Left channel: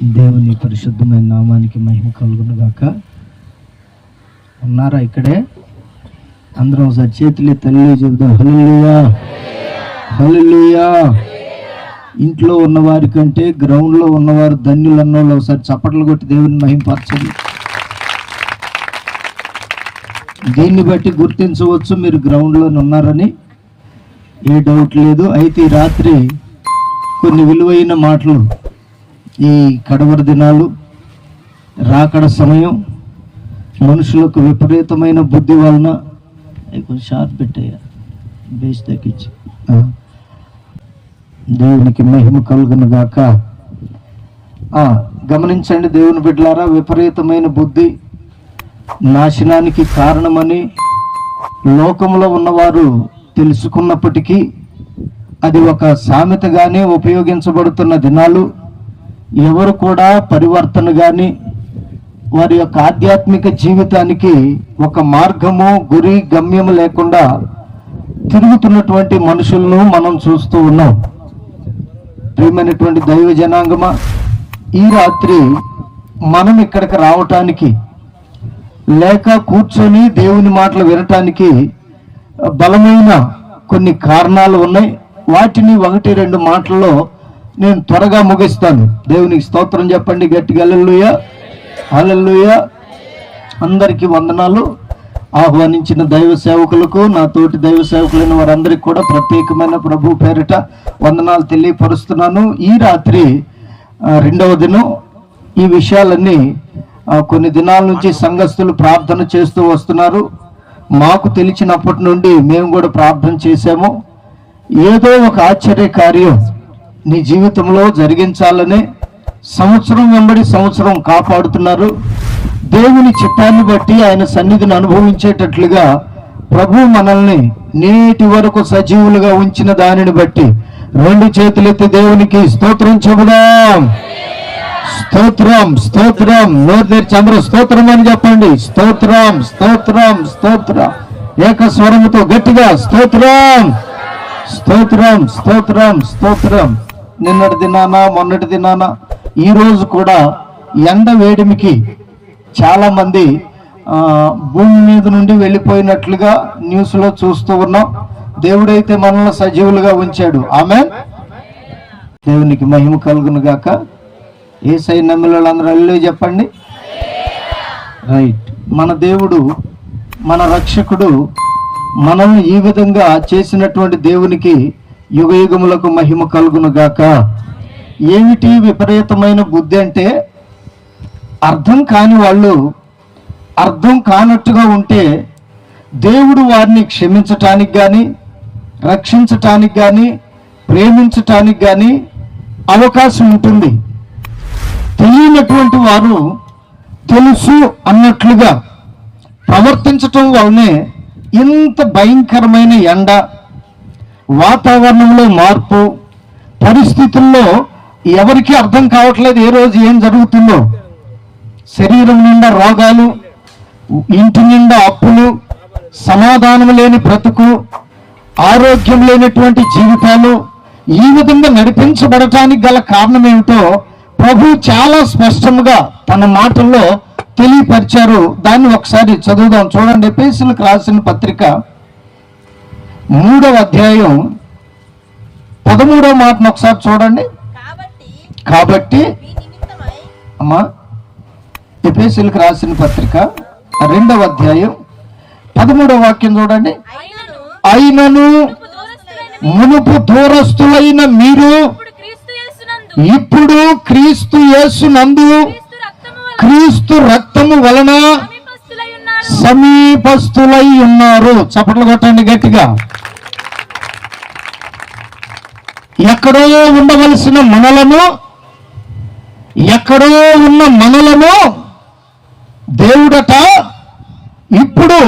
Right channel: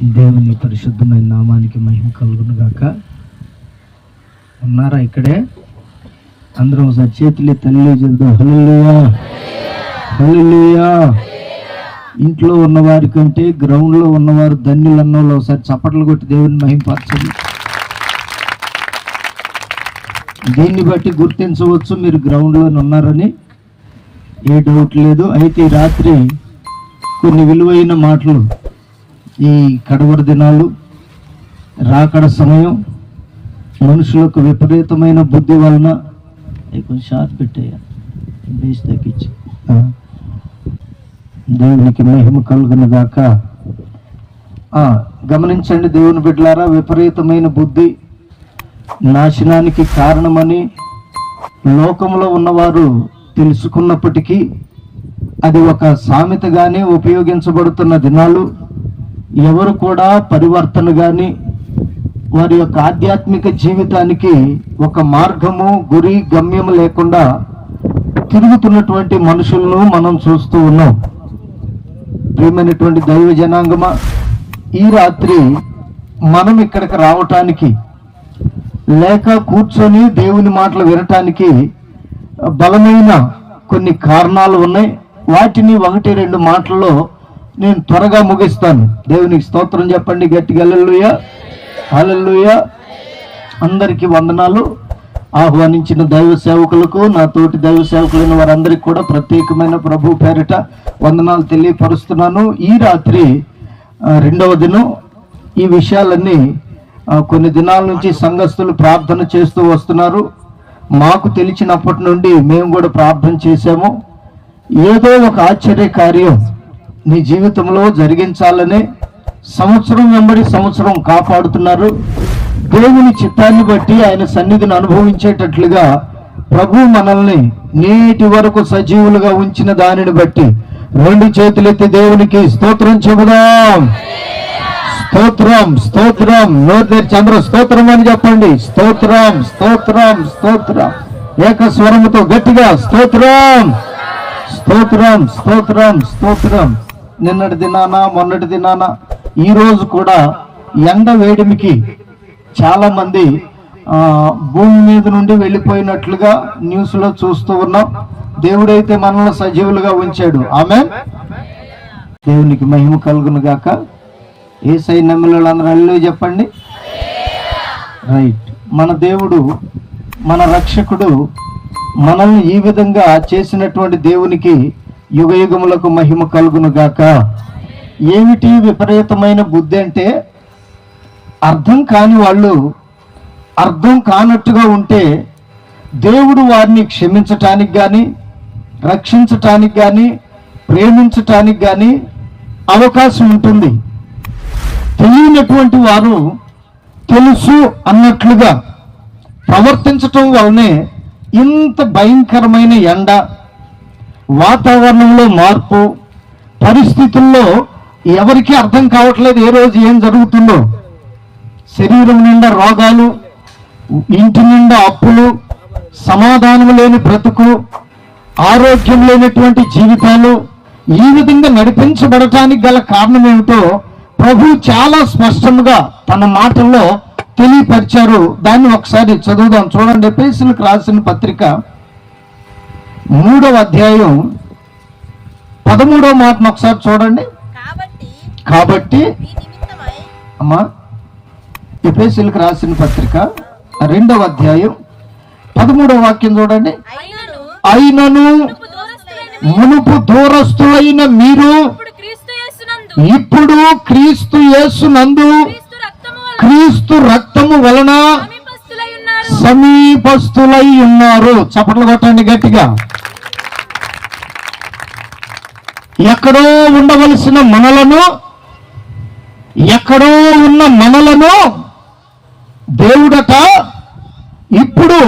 దేవుని పరిశుద్ధమైన నామానికి మహిమ కలుగును గాక. ఉన్నారా ఇక్కడే? అందరం ఒకసారి చేతులు తల్లి చెబుదాం హల్లెలూయా హల్లెలూయా. ఇంట్లో ఉన్నవారి కంటే గ్రౌండ్లో ఉన్నవారు ధన్యులు అన్నోళ్ళు ఒకసారి చప్పట్లు కొట్టి దేవుని మహిమపరచండి. దీన్ని బట్టి గుర్తించవచ్చు మీరు గ్రౌండ్లో ఉన్నారని, ఏ డౌట్ లేదు. అయితే ఈ రాత్రి కొన్ని విలువైన మాటలు, ఈ కడవర దినాలు, రాకడ సమయం, మనుషులకు విపరీతమైన బుద్ధి వలన కొంచెం షార్ప్ పెట్టేయ బేస్ తగ్గించి, దేవునికి మహిమ కలుగును గాక. గమనించండి దేవుని బిడ్డలారా, విపరీతమైన బుద్ధి నాశనానికి కారణమని లోకంలో ఉన్నవారు తెలుసుకున్నప్పటికీ అది ఒక సామెతగానే ఉపయోగించబడుతున్న దినాలు. ఎవరు కూడా పరివర్తన కానీ వారి యొక్క ఆధ్యాత్మిక జీవితానికి ఒక మార్గము, గురి, గమ్యము లేకుండా తిరుగుతున్నటువంటి మనుషులను మనం చూస్తూ ఉన్నాం. ప్రియమైనటువంటి దైవ జనాంగమా, ఈ రాత్రి మనం ఇక్కడికి రావటానికి లేక కూర్చొని దేవుని మాటలు వినటానికి బలమైన కొన్ని కారణాలు ఉన్నాయి. వాటిని 1-2 మాటల్లో నేను త్వరగా ముగిస్తాను. దేవునికి స్తోత్రం చెప్పండి గట్టిగా హల్లెలూయా హల్లెలూయా. అందరికీ వందనాలు. ఆహ్వానించిన దైవ సేవకులకు, నా తోటి దైవ సేవకులైన వారందరికీ కూడా ప్రత్యేకమైన ప్రభు పేరిట వందనాలు తెలియపరుస్తున్నాను. ఈ రాత్రి 2వ దినం. ఈ విషయాలన్నీ కొన్ని దినాల నుంచి సంఘస్థులు ప్రార్థన చేస్తూ వస్తున్నారు. మాకు తెలిసినప్పటి నుండి మేము కూడా ప్రార్థన చేశాము. ఏదో ఒక ఆశ్చర్య కార్యం నీ జీవితంలో జరిగించాలనే సంవత్సరం వెంబడి సంవత్సరం కాపాడుతున్నారు. దేవుని చిత్తాన్ని బట్టి ఆయన సన్నిధిని అనుభవించేటట్లుగా ప్రభు మనల్ని నేటి వరకు సజీవులుగా ఉంచిన దానిని బట్టి 2 చేతులెత్తి దేవునికి స్తోత్రం చెబుదాం. స్తోత్రం స్తోత్రం. నోరు చంద్ర స్తోత్రం అని చెప్పండి. స్తోత్రం స్తోత్రం స్తోత్రం. ఏక స్వరముతో గట్టిగా స్తోత్రం స్తోత్రం స్తోత్రం స్తోత్రం. నిన్నటి దినాన, మొన్నటి దినాన, ఈ రోజు కూడా ఎండ వేడిమికి చాలా మంది భూమి మీద నుండి వెళ్ళిపోయినట్లుగా న్యూస్ లో చూస్తూ ఉన్నాం. దేవుడైతే మనల్ని సజీవులుగా ఉంచాడు. ఆమేన్. దేవునికి మహిమ కలుగును గాక. యేసయ్య నమ్మిన వాళ్ళందరూ హల్లెలూయా చెప్పండి. రైట్. మన దేవుడు, మన రక్షకుడు మనల్ని ఈ విధంగా చేసినటువంటి దేవునికి యుగయుగములకు మహిమ కలుగును గాక. ఏమిటి విపరీతమైన బుద్ధి అంటే, అర్థం కాని వాళ్ళు అర్థం కానట్టుగా ఉంటే దేవుడు వారిని క్షమించటానికి కానీ, రక్షించటానికి కానీ, ప్రేమించటానికి కానీ అవకాశం ఉంటుంది. తెలియనటువంటి వారు తెలుసు అన్నట్లుగా ప్రవర్తించటం వల్లనే ఇంత భయంకరమైన ఎండ, వాతావరణంలో మార్పు, పరిస్థితుల్లో ఎవరికీ అర్థం కావట్లేదు ఏ రోజు ఏం జరుగుతుందో. శరీరం నిండా రోగాలు, ఇంటి నిండా అప్పులు, సమాధానం లేని బ్రతుకు, ఆరోగ్యం లేనటువంటి జీవితాలు, ఈ విధంగా నడిపించబడటానికి గల కారణం ఏమిటో ప్రభు చాలా స్పష్టంగా తన మాటల్లో తెలియపరిచారు. దాన్ని ఒకసారి చదువుదాం. చూడండి, ఎఫెసీయులకు రాసిన పత్రిక 3వ అధ్యాయం 13వ మాటను ఒకసారి చూడండి. కాబట్టి అమ్మా, ఎఫెసీయులకు రాసిన పత్రిక 2వ అధ్యాయం 13వ వాక్యం చూడండి. అయినను మునుపు దూరస్తులైన మీరు ఇప్పుడు క్రీస్తు యేసునందు క్రీస్తు రక్తము వలన సమీపస్తులై ఉన్నారు. చప్పట్లు కొట్టండి గట్టిగా. ఎక్కడో ఉండవలసిన మనలను, ఎక్కడో ఉన్న మనలను దేవుడట ఇప్పుడు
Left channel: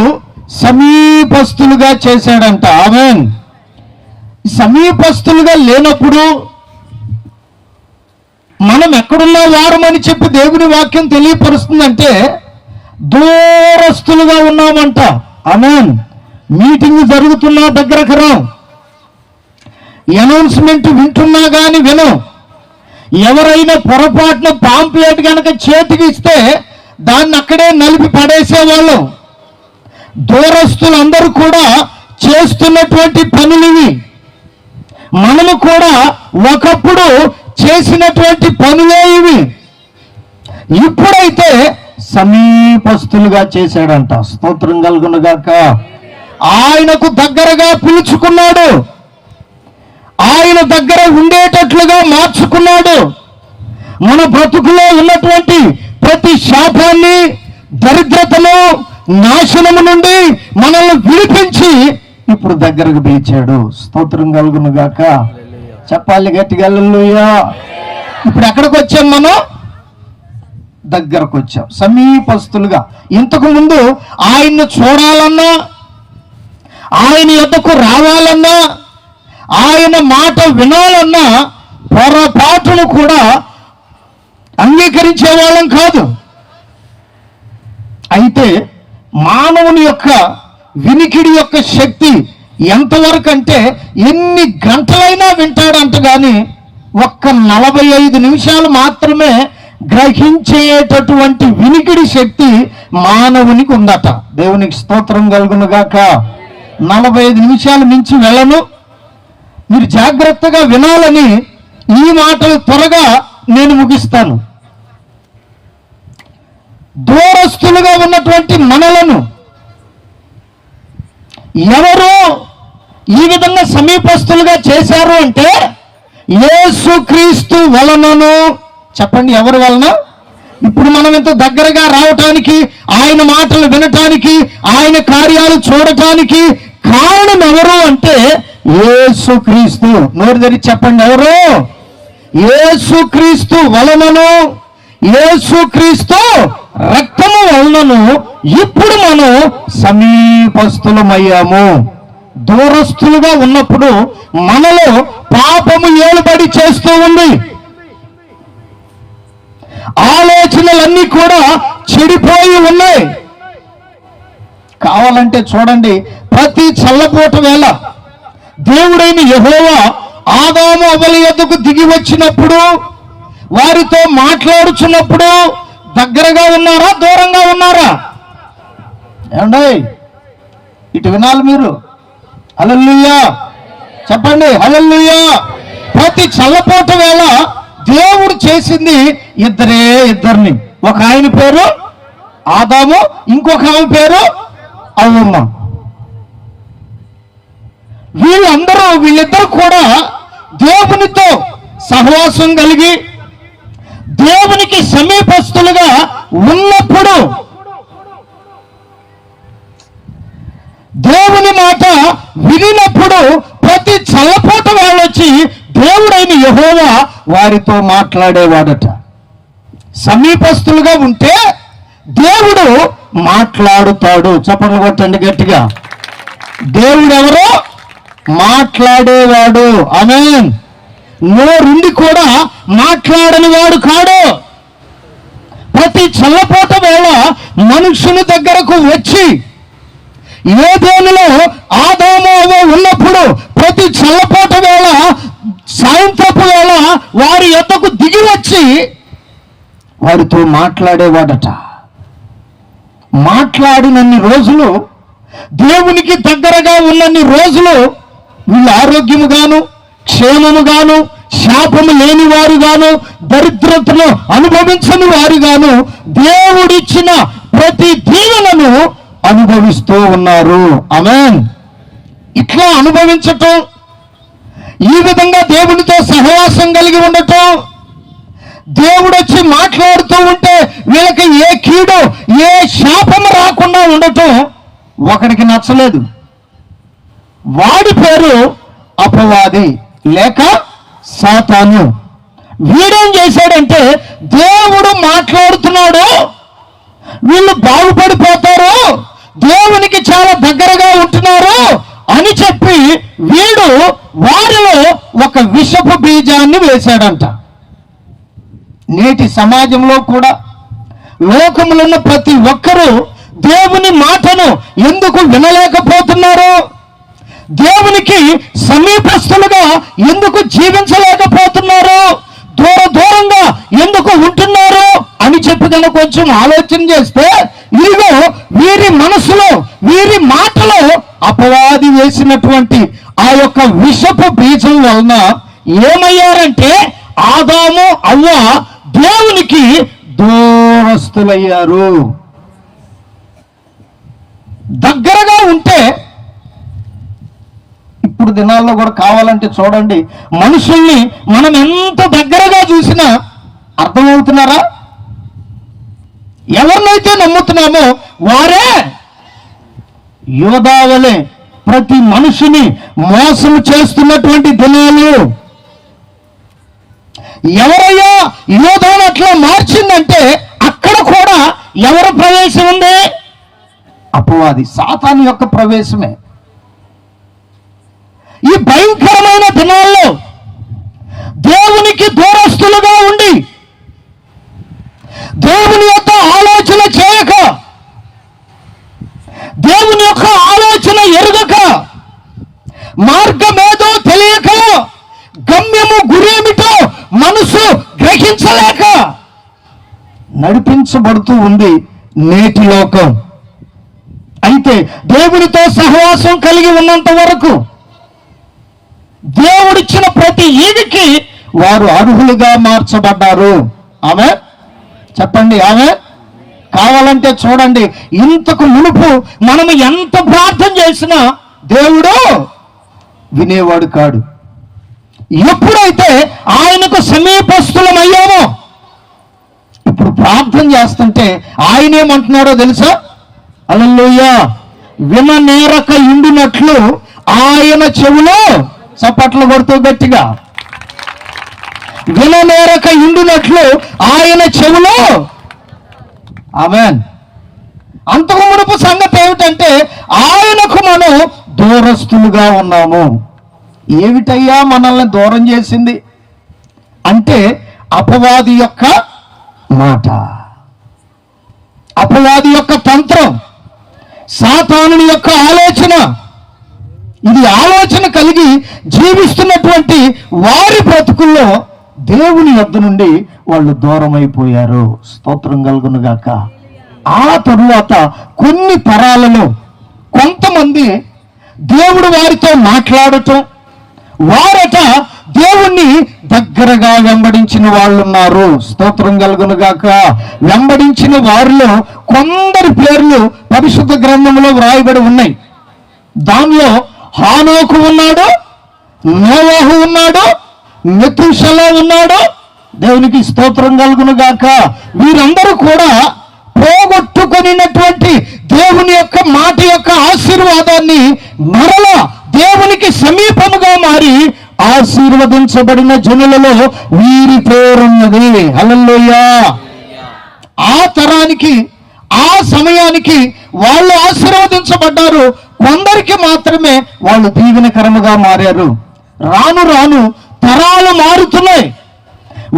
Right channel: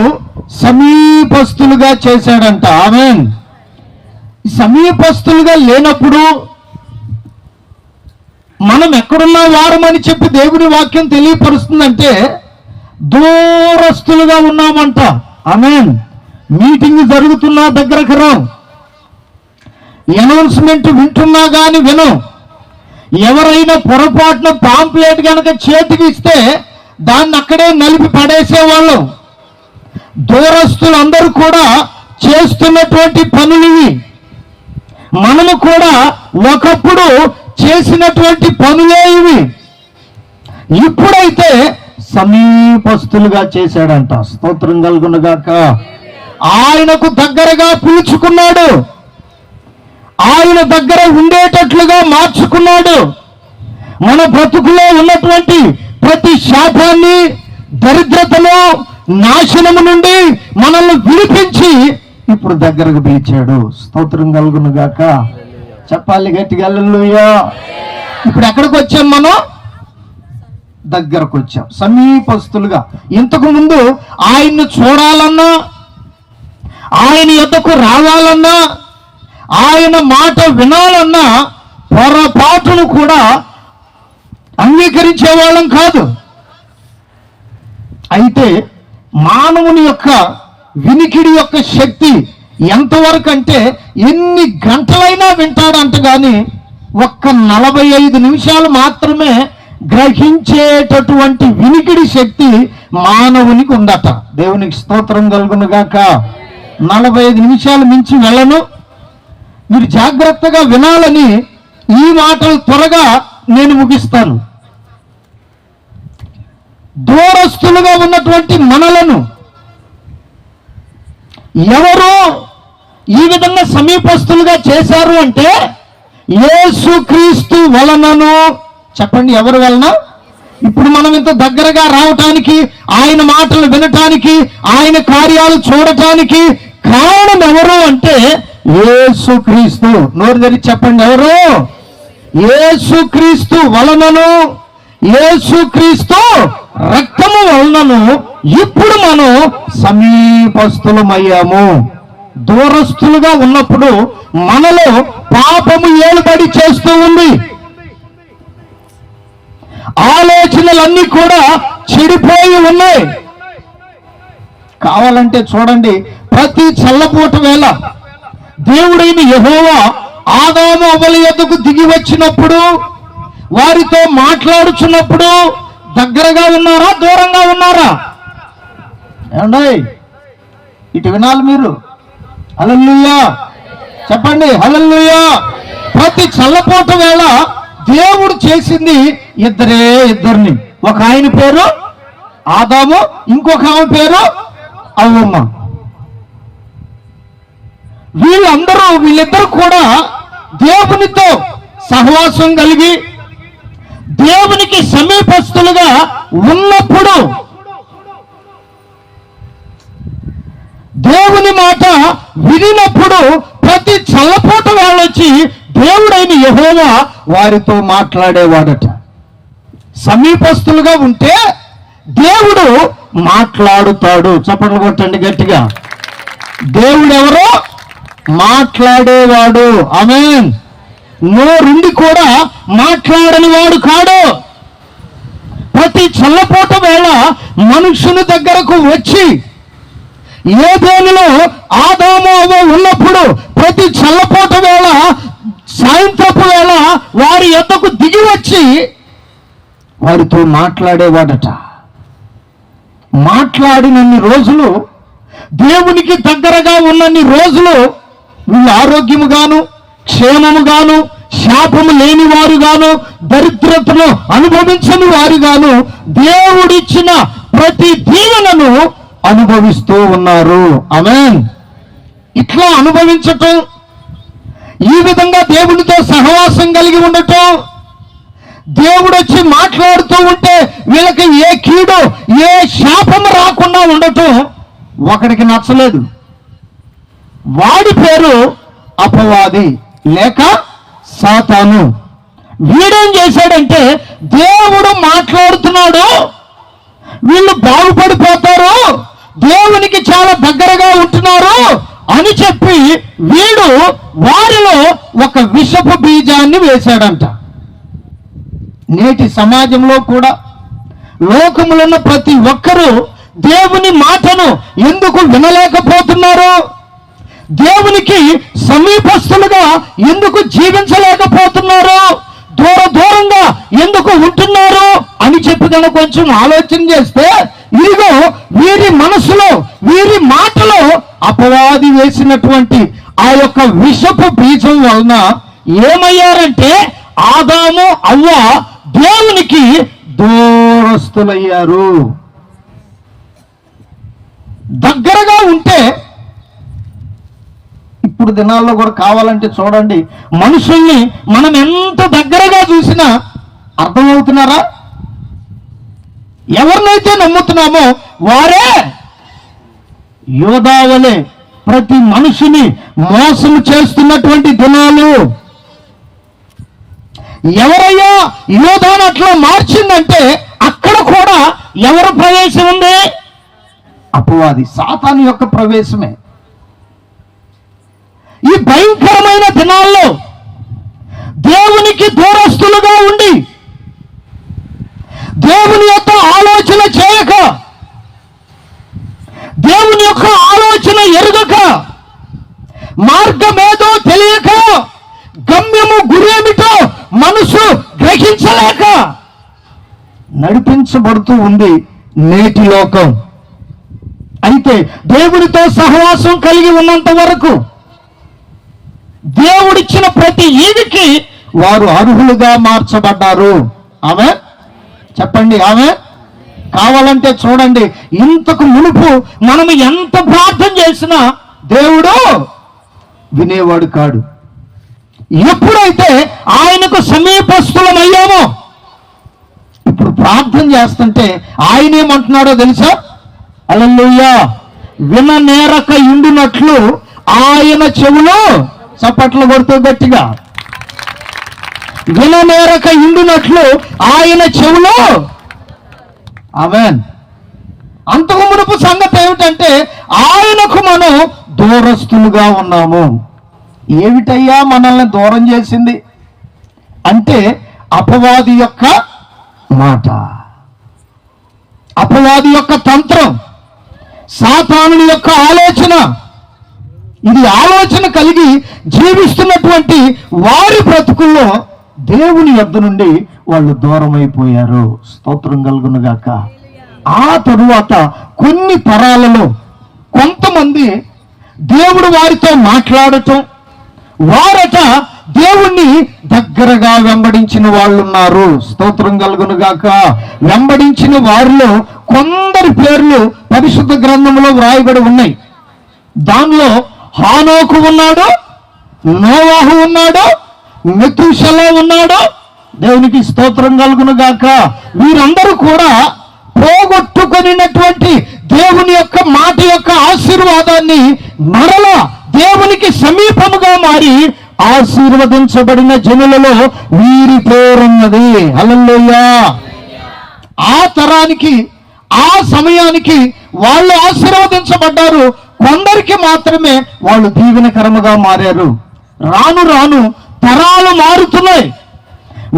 సమీపస్తులుగా చేశాడంట. ఆమేన్. సమీపస్తులుగా లేనప్పుడు మనం ఎక్కడున్నా వారమని చెప్పి దేవుని వాక్యం తెలియపరుస్తుందంటే దూరస్తులుగా ఉన్నామంట. ఆమేన్. మీటింగ్ జరుగుతున్నా దగ్గరకు రాం, అనౌన్స్మెంట్ వింటున్నా గాని వినం. ఎవరైనా పొరపాటున పాంప్లెట్ కనుక చేతికి ఇస్తే దాన్ని అక్కడే నలిపి పడేసేవాళ్ళు. దూరస్తులందరూ కూడా చేస్తున్నటువంటి పనులు ఇవి. మనము కూడా ఒకప్పుడు చేసినటువంటి పనులే ఇవి. ఇప్పుడైతే సమీపస్తులుగా చేశాడంట. స్తోత్రం కలుగునుగాక. ఆయనకు దగ్గరగా పిలుచుకున్నాడు, ఆయన దగ్గర ఉండేటట్లుగా మార్చుకున్నాడు. మన బ్రతుకులో ఉన్నటువంటి ప్రతి శాపాన్ని, దరిద్రతను, నాశనము నుండి మనల్ని విడిపించి ఇప్పుడు దగ్గరకు పిలిచాడు. స్తోత్రం కలుగునుగాక. చెప్పాలి గట్టిగా హల్లెలూయా. ఇప్పుడు ఎక్కడికి వచ్చాం? మనం దగ్గరకు వచ్చాం, సమీపస్తులుగా. ఇంతకు ముందు ఆయన్ని చూడాలన్నా, ఆయన యొద్దకు రావాలన్నా, ఆయన మాట వినాలన్నా పొరపాటును కూడా అంగీకరించే వాళ్ళం కాదు. అయితే మానవుని యొక్క వినికిడి యొక్క శక్తి ఎంతవరకు అంటే ఎన్ని గంటలైనా వింటాడంట, కానీ ఒక్క 45 నిమిషాలు మాత్రమే గ్రహించేటటువంటి వినికిడి శక్తి మానవునికి ఉందట. దేవునికి స్తోత్రం కలుగునుగాక. 45 నిమిషాలు మించి వెళ్ళను. మీరు జాగ్రత్తగా వినాలని ఈ మాటలు త్వరగా నేను ముగిస్తాను. దూరస్తులుగా ఉన్నటువంటి మనలను ఎవరు ఈ విధంగా సమీపస్తులుగా చేశారు అంటే యేసుక్రీస్తు వలనను. చెప్పండి, ఎవరి వలన? ఇప్పుడు మనం ఇంత దగ్గరగా రావటానికి, ఆయన మాటలు వినటానికి, ఆయన కార్యాలు చూడటానికి కారణం ఎవరు అంటే యేసుక్రీస్తు. నోరు తెరిచి చెప్పండి, ఎవరు? యేసుక్రీస్తు వలనను, యేసుక్రీస్తు రక్తము వలనను ఇప్పుడు మనం సమీపస్తులమయ్యాము. దూరస్తులుగా ఉన్నప్పుడు మనలో పాపము ఏలుబడి చేస్తూ ఉంది. ఆలోచనలన్నీ కూడా చెడిపోయి ఉన్నాయి. కావాలంటే చూడండి, ప్రతి చల్లపూట వేళ దేవుడైన యెహోవా ఆదాము అవ్వల యొద్దకు దిగి వచ్చినప్పుడు, వారితో మాట్లాడుచున్నప్పుడు దగ్గరగా ఉన్నారా, దూరంగా ఉన్నారా? ఏమండి, ఇటు వినాలి మీరు. హల్లెలూయా చెప్పండి, హల్లెలూయా. ప్రతి చల్లపూట వేళ దేవుడు చేసింది ఇద్దరిని. ఒక ఆయన పేరు ఆదాము, ఇంకొక ఆమె పేరు అవ్వమ్మ. వీళ్ళిద్దరు కూడా దేవునితో సహవాసం కలిగి దేవునికి సమీపస్తులుగా ఉన్నప్పుడు దేవుని మాట వినినప్పుడు ప్రతి చల్లపూట వాళ్ళొచ్చి దేవుడైన యెహోవా వారితో మాట్లాడేవాడట. సమీపస్తులుగా ఉంటే దేవుడు మాట్లాడుతాడు. చప్పట్లు కొట్టండి గట్టిగా. దేవుడు ఎవరో మాట్లాడేవాడు. ఆమేన్. నోరుండి కూడా మాట్లాడని వాడు కాడు. ప్రతి చల్లపూట వేళ మనుషుని దగ్గరకు వచ్చి, ఏదేనులో ఆదాము అవ్వ ఉన్నప్పుడు ప్రతి చల్లపూట వేళ, సాయంత్రపు వేళ వారి యొద్దకు దిగి వచ్చి వారితో మాట్లాడేవాడట. మాట్లాడినన్ని రోజులు, దేవునికి దగ్గరగా ఉన్నన్ని రోజులు వీళ్ళు ఆరోగ్యముగాను, క్షేమముగాను, శాపము లేని వారుగాను, దరిద్రతను అనుభవించని వారుగాను దేవుడిచ్చిన ప్రతి దీవెనను అనుభవిస్తూ ఉన్నారు. ఆమేన్. ఇట్లా అనుభవించటం, ఈ విధంగా దేవునితో సహవాసం కలిగి ఉండటం, దేవుడు వచ్చి మాట్లాడుతూ ఉంటే వీళ్ళకి ఏ కీడు, ఏ శాపము రాకుండా ఉండటం ఒకడికి నచ్చలేదు. వాడి పేరు అపవాది లేక సాతాను. వీడేం చేశాడంటే, దేవుడు మాట్లాడుతున్నాడు, వీళ్ళు బాగుపడిపోతారు, దేవునికి చాలా దగ్గరగా ఉంటున్నారు అని చెప్పి వీడు వారిలో ఒక విషపు బీజాన్ని వేశాడంట. నేటి సమాజంలో కూడా లోకములో ఉన్న ప్రతి ఒక్కరూ దేవుని మాటను ఎందుకు వినలేకపోతున్నారు? దేవునికి సమీపస్తులుగా ఎందుకు జీవించలేకపోతున్నారు? దూరంగా ఎందుకు ఉంటున్నారు అని చెప్పి కనుక కొంచెం ఆలోచన చేస్తే, ఇదిగో వీరి మనసులో, వీరి మాటలో అపవాది వేసినటువంటి ఆ యొక్క విషపు బీజం వలన ఏమయ్యారంటే ఆదాము అవ్వ దేవునికి దూరస్తులయ్యారు. దగ్గరగా ఉంటే, ఇప్పుడు దినాల్లో కూడా కావాలంటే చూడండి, మనుషుల్ని మనం ఎంత దగ్గరగా చూసినా అర్థమవుతున్నారా? ఎవరినైతే నమ్ముతున్నామో వారే యోధావలే ప్రతి మనిషిని మోసం చేస్తున్నటువంటి దినాలు. ఎవరయ్యా యోధాను అట్లా మార్చిందంటే అక్కడ కూడా ఎవరు ప్రవేశం ఉంది? అపవాది, సాతాను యొక్క ప్రవేశమే. ఈ భయంకరమైన దినాల్లో దేవునికి దూరస్తులుగా ఉండి, దేవుని యొక్క ఆలోచన చేయక, దేవుని యొక్క ఆలోచన ఎరుగక, మార్గమేదో తెలియక, గమ్యము గురేమిటో మనసు గ్రహించలేక నడిపించబడుతూ ఉంది నేటి లోకం. అయితే దేవునితో సహవాసం కలిగి ఉన్నంత వరకు దేవుడిచ్చిన ప్రతి ఈవికి వారు అర్హులుగా మార్చబడ్డారు. ఆమె చెప్పండి, ఆమె. కావాలంటే చూడండి, ఇంతకు మునుపు మనం ఎంత ప్రార్థన చేసినా దేవుడు వినేవాడు కాడు. ఎప్పుడైతే ఆయనకు సమీపస్థులమయ్యామో, ఇప్పుడు ప్రార్థన చేస్తుంటే ఆయన ఏమంటున్నాడో తెలుసా? హల్లెలూయా. విననేరక ఉండినట్లు ఆయన చెవులో, చప్పట్లు కొడుతూ గట్టిగా, విననేరక ఉండినట్లు ఆయన చెవులో. ఆమేన్. అంతకు మునుపు సంగతి ఏమిటంటే ఆయనకు మనం దూరస్తులుగా ఉన్నాము. ఏమిటయ్యా మనల్ని దూరం చేసింది అంటే అపవాది యొక్క మాట, అపవాది యొక్క తంత్రం, సాతానుని యొక్క ఆలోచన. ఇది ఆలోచన కలిగి జీవిస్తున్నటువంటి వారి బ్రతుకుల్లో దేవుని యొద్ద నుండి వాళ్ళు దూరం అయిపోయారు. స్తోత్రం కలుగునుగాక. ఆ తరువాత కొన్ని తరాలలో కొంతమంది దేవుడు వారితో మాట్లాడటం, వారట దేవుణ్ణి దగ్గరగా వెంబడించిన వాళ్ళు ఉన్నారు. స్తోత్రం కలుగునుగాక. వెంబడించిన వారిలో కొందరి పేర్లు పరిశుద్ధ గ్రంథంలో వ్రాయబడి ఉన్నాయి. దానిలో హానోకు ఉన్నాడు, నోవాహు ఉన్నాడు, మెతూషెలా ఉన్నాడు. దేవునికి స్తోత్రం కలుగునుగాక. వీరందరూ కూడా పోగొట్టుకొనినటువంటి దేవుని యొక్క మాట యొక్క ఆశీర్వాదాన్ని మరలా దేవునికి సమీపముగా మారి ఆశీర్వదించబడిన జనులలో వీరి పేరున్నది. హల్లెలూయా. ఆ తరానికి, ఆ సమయానికి వాళ్ళు ఆశీర్వదించబడ్డారు. కొందరికి మాత్రమే వాళ్ళు దీవెనకరముగా మారారు. రాను రాను తరాలు మారుతున్నాయి,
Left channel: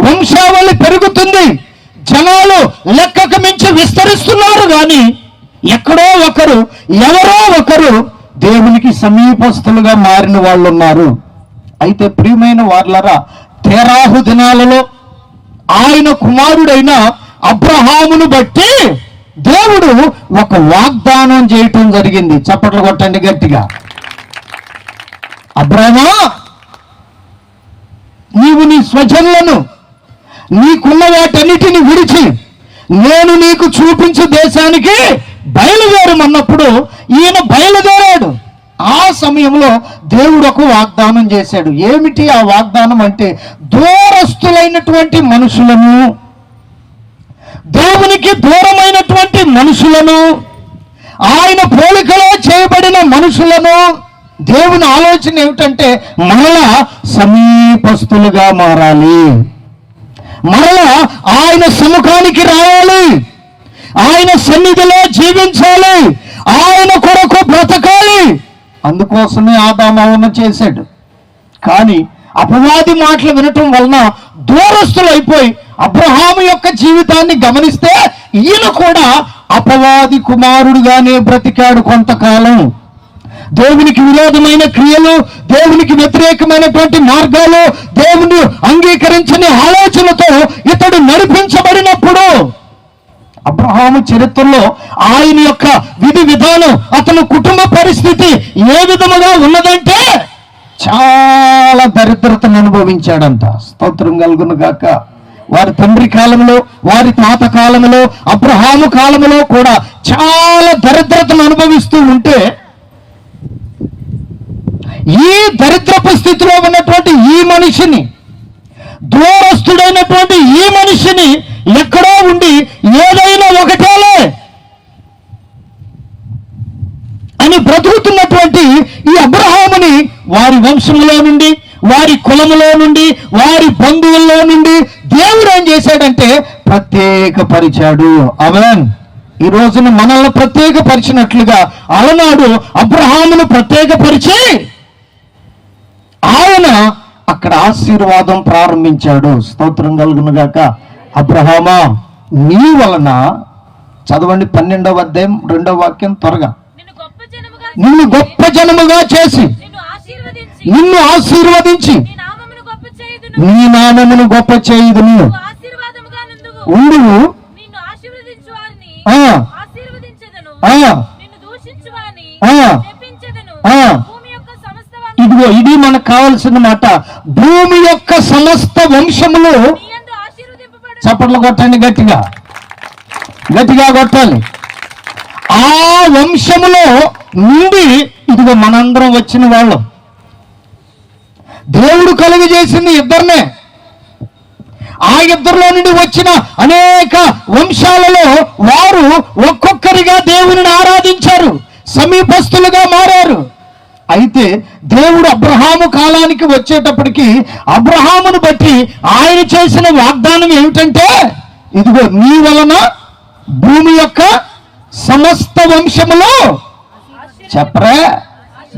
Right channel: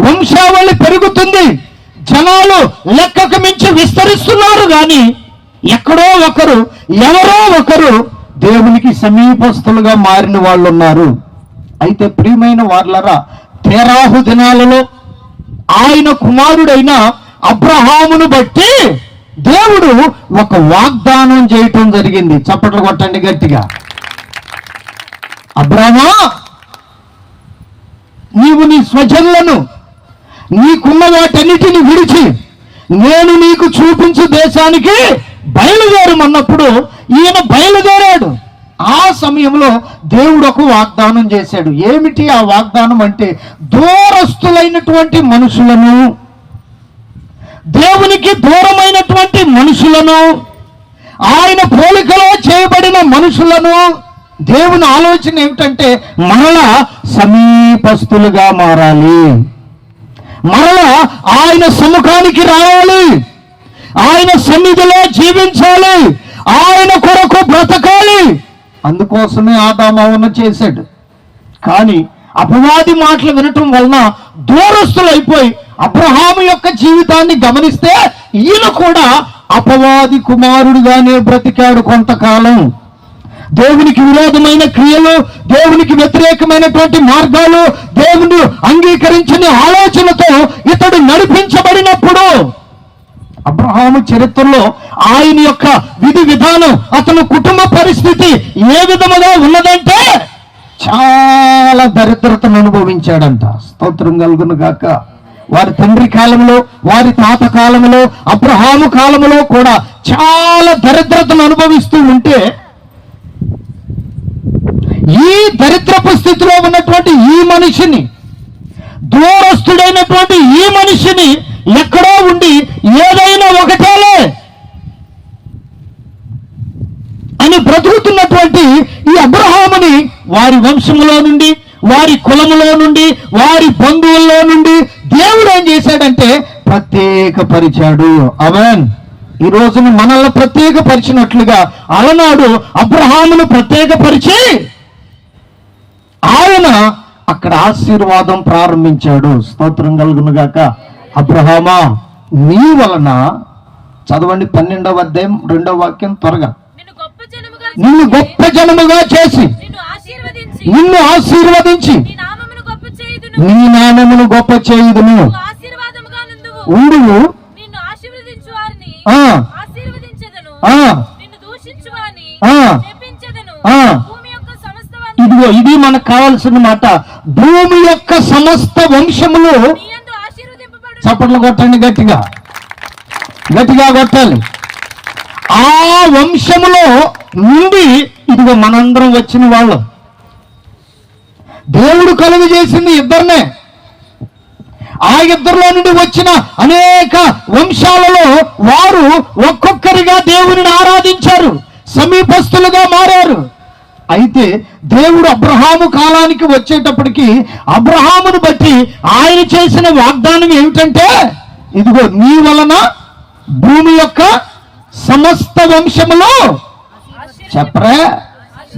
వంశావళి పెరుగుతుంది, జనాలు లెక్కకు మించి విస్తరిస్తున్నారు. కానీ ఎక్కడో ఒకరు, ఎవరో ఒకరు దేవునికి సమీపస్తులుగా మారిన వాళ్ళు ఉన్నారు. అయితే ప్రియమైన వాళ్ళరా, తెరాహు దినాలలో ఆయన కుమారుడైన అబ్రహామును బట్టి దేవుడు ఒక వాగ్దానం చేయటం జరిగింది. చప్పట్లు కొట్టండి గట్టిగా. అబ్రహామా, నీవు నీ స్వజనులను, నీకున్న వాటన్నిటిని విడిచి నేను నీకు చూపించు దేశానికి బయలుదేరమన్నప్పుడు ఈయన బయలుదేరాడు. ఆ సమయంలో దేవుడు ఒక వాగ్దానం చేశాడు. ఏమిటి ఆ వాగ్దానం అంటే, దూరస్తులైనటువంటి మనుషులను, దేవునికి దూరమైనటువంటి మనుషులను, ఆయన పోలికలో చేయబడిన మనుషులను. దేవుని ఆలోచన ఏమిటంటే మరలా సమీపస్తులుగా మారాలి, మరలా ఆయన సముఖానికి రావాలి, ఆయన సన్నిధిలో జీవించాలి, ఆయన కొరకు బ్రతకాలి. అందుకోసమే ఆదాము చేశాడు. కానీ అపవాది మాటలు వినటం వలన దూరస్తులైపోయి అబ్రహాము యొక్క జీవితాన్ని గమనిస్తే ఈయన కూడా అపవాది కుమారుడిగానే బ్రతికాడు కొంతకాలం. దేవునికి విరోధమైన క్రియలు, దేవునికి వ్యతిరేకమైనటువంటి మార్గాలు, దేవుని అంగీకరించని ఆలోచనతో ఇతడు నడిపించబడినప్పుడు అబ్రహాము చరిత్రలో ఆయన యొక్క విధి విధానం, అతని కుటుంబ పరిస్థితి ఏ విధముగా ఉన్నదంటే చాలా దరిద్రతను అనుభవించాడంట. స్తోత్రం కలుగును గాక. వారి తండ్రి కాలంలో, వారి తాత కాలంలో, అబ్రహాము కాలంలో కూడా చాలా దరిద్రతను అనుభవిస్తూ ఉంటే, ఈ దరిద్రపు స్థితిలో ఉన్నటువంటి ఈ మనిషిని, దూరస్తుడైనటువంటి ఈ మనిషిని ఎక్కడో ఉండి ఏదైనా ఒకటేలే అని బ్రతుకుతున్నటువంటి ఈ అబ్రహాముని వారి వంశంలో నుండి, వారి కులములో నుండి, వారి బంధువుల్లో నుండి దేవుడు ఏం చేశాడంటే ప్రత్యేకపరిచాడు. ఆమేన్. ఈ రోజున మనల్ని ప్రత్యేకపరిచినట్లుగా అలనాడు అబ్రహామును ప్రత్యేకపరిచి ఆయన అక్కడ ఆశీర్వాదం ప్రారంభించాడు. స్తోత్రం కలుగును గాక. అబ్రహామా, నీ వలన, చదవండి 12వ అధ్యాయం 2వ వాక్యం త్వరగా, నిన్ను గొప్ప జనముగా చేసి నిన్ను ఆశీర్వదించి నీ నామమును గొప్ప చేయుదును. ఉండును ఇదిగో ఇది మనకు కావాల్సిన మాట. భూమి యొక్క సమస్త వంశములు, చప్పట్లు కొట్టండి, గట్టిగా గట్టిగా కొట్టాలి. ఆ వంశములో నుండి ఇదిగో మనందరం వచ్చిన వాళ్ళం. దేవుడు కలుగజేసింది ఇద్దరినే. ఆ ఇద్దరిలో నుండి వచ్చిన అనేక వంశాలలో వారు ఒక్కొక్కరిగా దేవుని ఆరాధించారు, సమీపస్తులుగా మారారు. అయితే దేవుడు అబ్రహాము కాలానికి వచ్చేటప్పటికి అబ్రహామును బట్టి ఆయన చేసిన వాగ్దానం ఏమిటంటే, ఇదిగో నీ వలన భూమి యొక్క సమస్త వంశములో, చెప్పరా,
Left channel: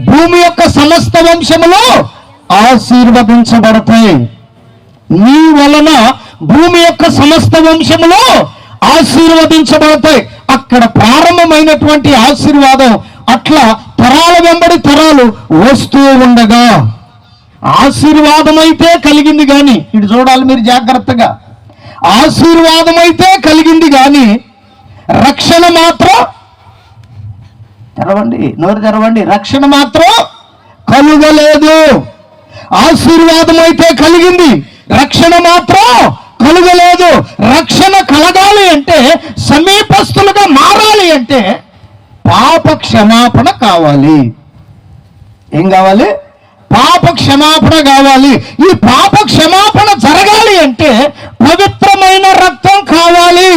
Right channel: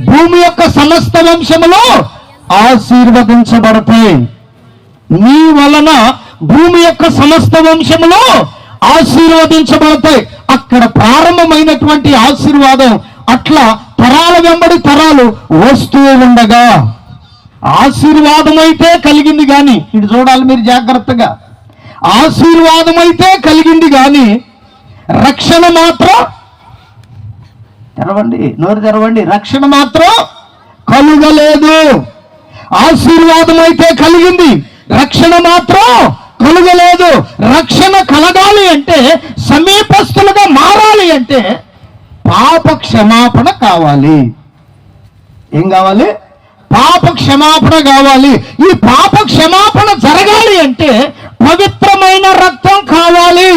భూమి యొక్క సమస్త వంశములో ఆశీర్వదించబడతాయి. నీ వలన భూమి యొక్క సమస్త వంశములో ఆశీర్వదించబడతాయి. అక్కడ ప్రారంభమైనటువంటి ఆశీర్వాదం అట్లా తరాల వెంబడి తరాలు వస్తూ ఉండగా ఆశీర్వాదం అయితే కలిగింది కానీ, ఇటు చూడాలి మీరు జాగ్రత్తగా, ఆశీర్వాదం అయితే కలిగింది కానీ రక్షణ మాత్రం, తెరవండి నోరు తెరవండి, రక్షణ మాత్రం కలుగలేదు. ఆశీర్వాదం అయితే కలిగింది, రక్షణ మాత్రం కలుగలేదు. రక్షణ కలగాలి అంటే, సమీపస్తులుగా మారాలి అంటే పాప క్షమాపణ కావాలి. ఏం కావాలి? పాప క్షమాపణ కావాలి. ఈ పాప క్షమాపణ జరగాలి అంటే పవిత్రమైన రక్తం కావాలి.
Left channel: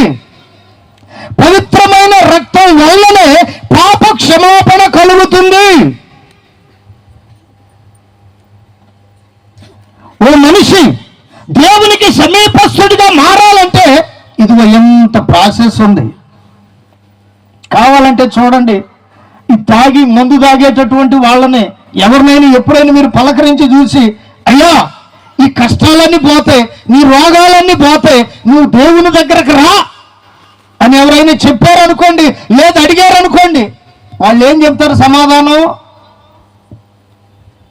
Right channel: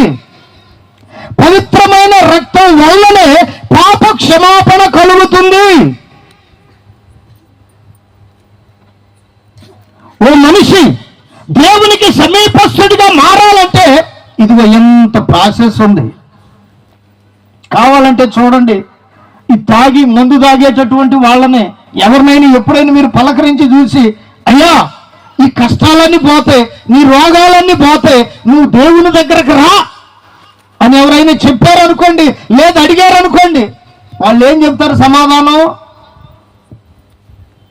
పవిత్రమైన రక్తం వల్లనే పాప క్షమాపణ కలుగుతుంది. ఓ మనిషి దేవునికి సమీపస్తుడిగా మారాలంటే ఇదిగో ఎంత ప్రాసెస్ ఉంది. కావాలంటే చూడండి, ఈ తాగి మందు తాగేటటువంటి వాళ్ళనే ఎవరినైనా ఎప్పుడైనా మీరు పలకరించి చూసి, అయ్యా ఈ కష్టాలన్నీ పోతాయి, నీ రోగాలన్నీ పోతాయి, నువ్వు దేవుని దగ్గరకు రా అని ఎవరైనా చెప్పారనుకోండి, లేదు అడిగారనుకోండి, వాళ్ళు ఏం చెప్తారు సమాధానం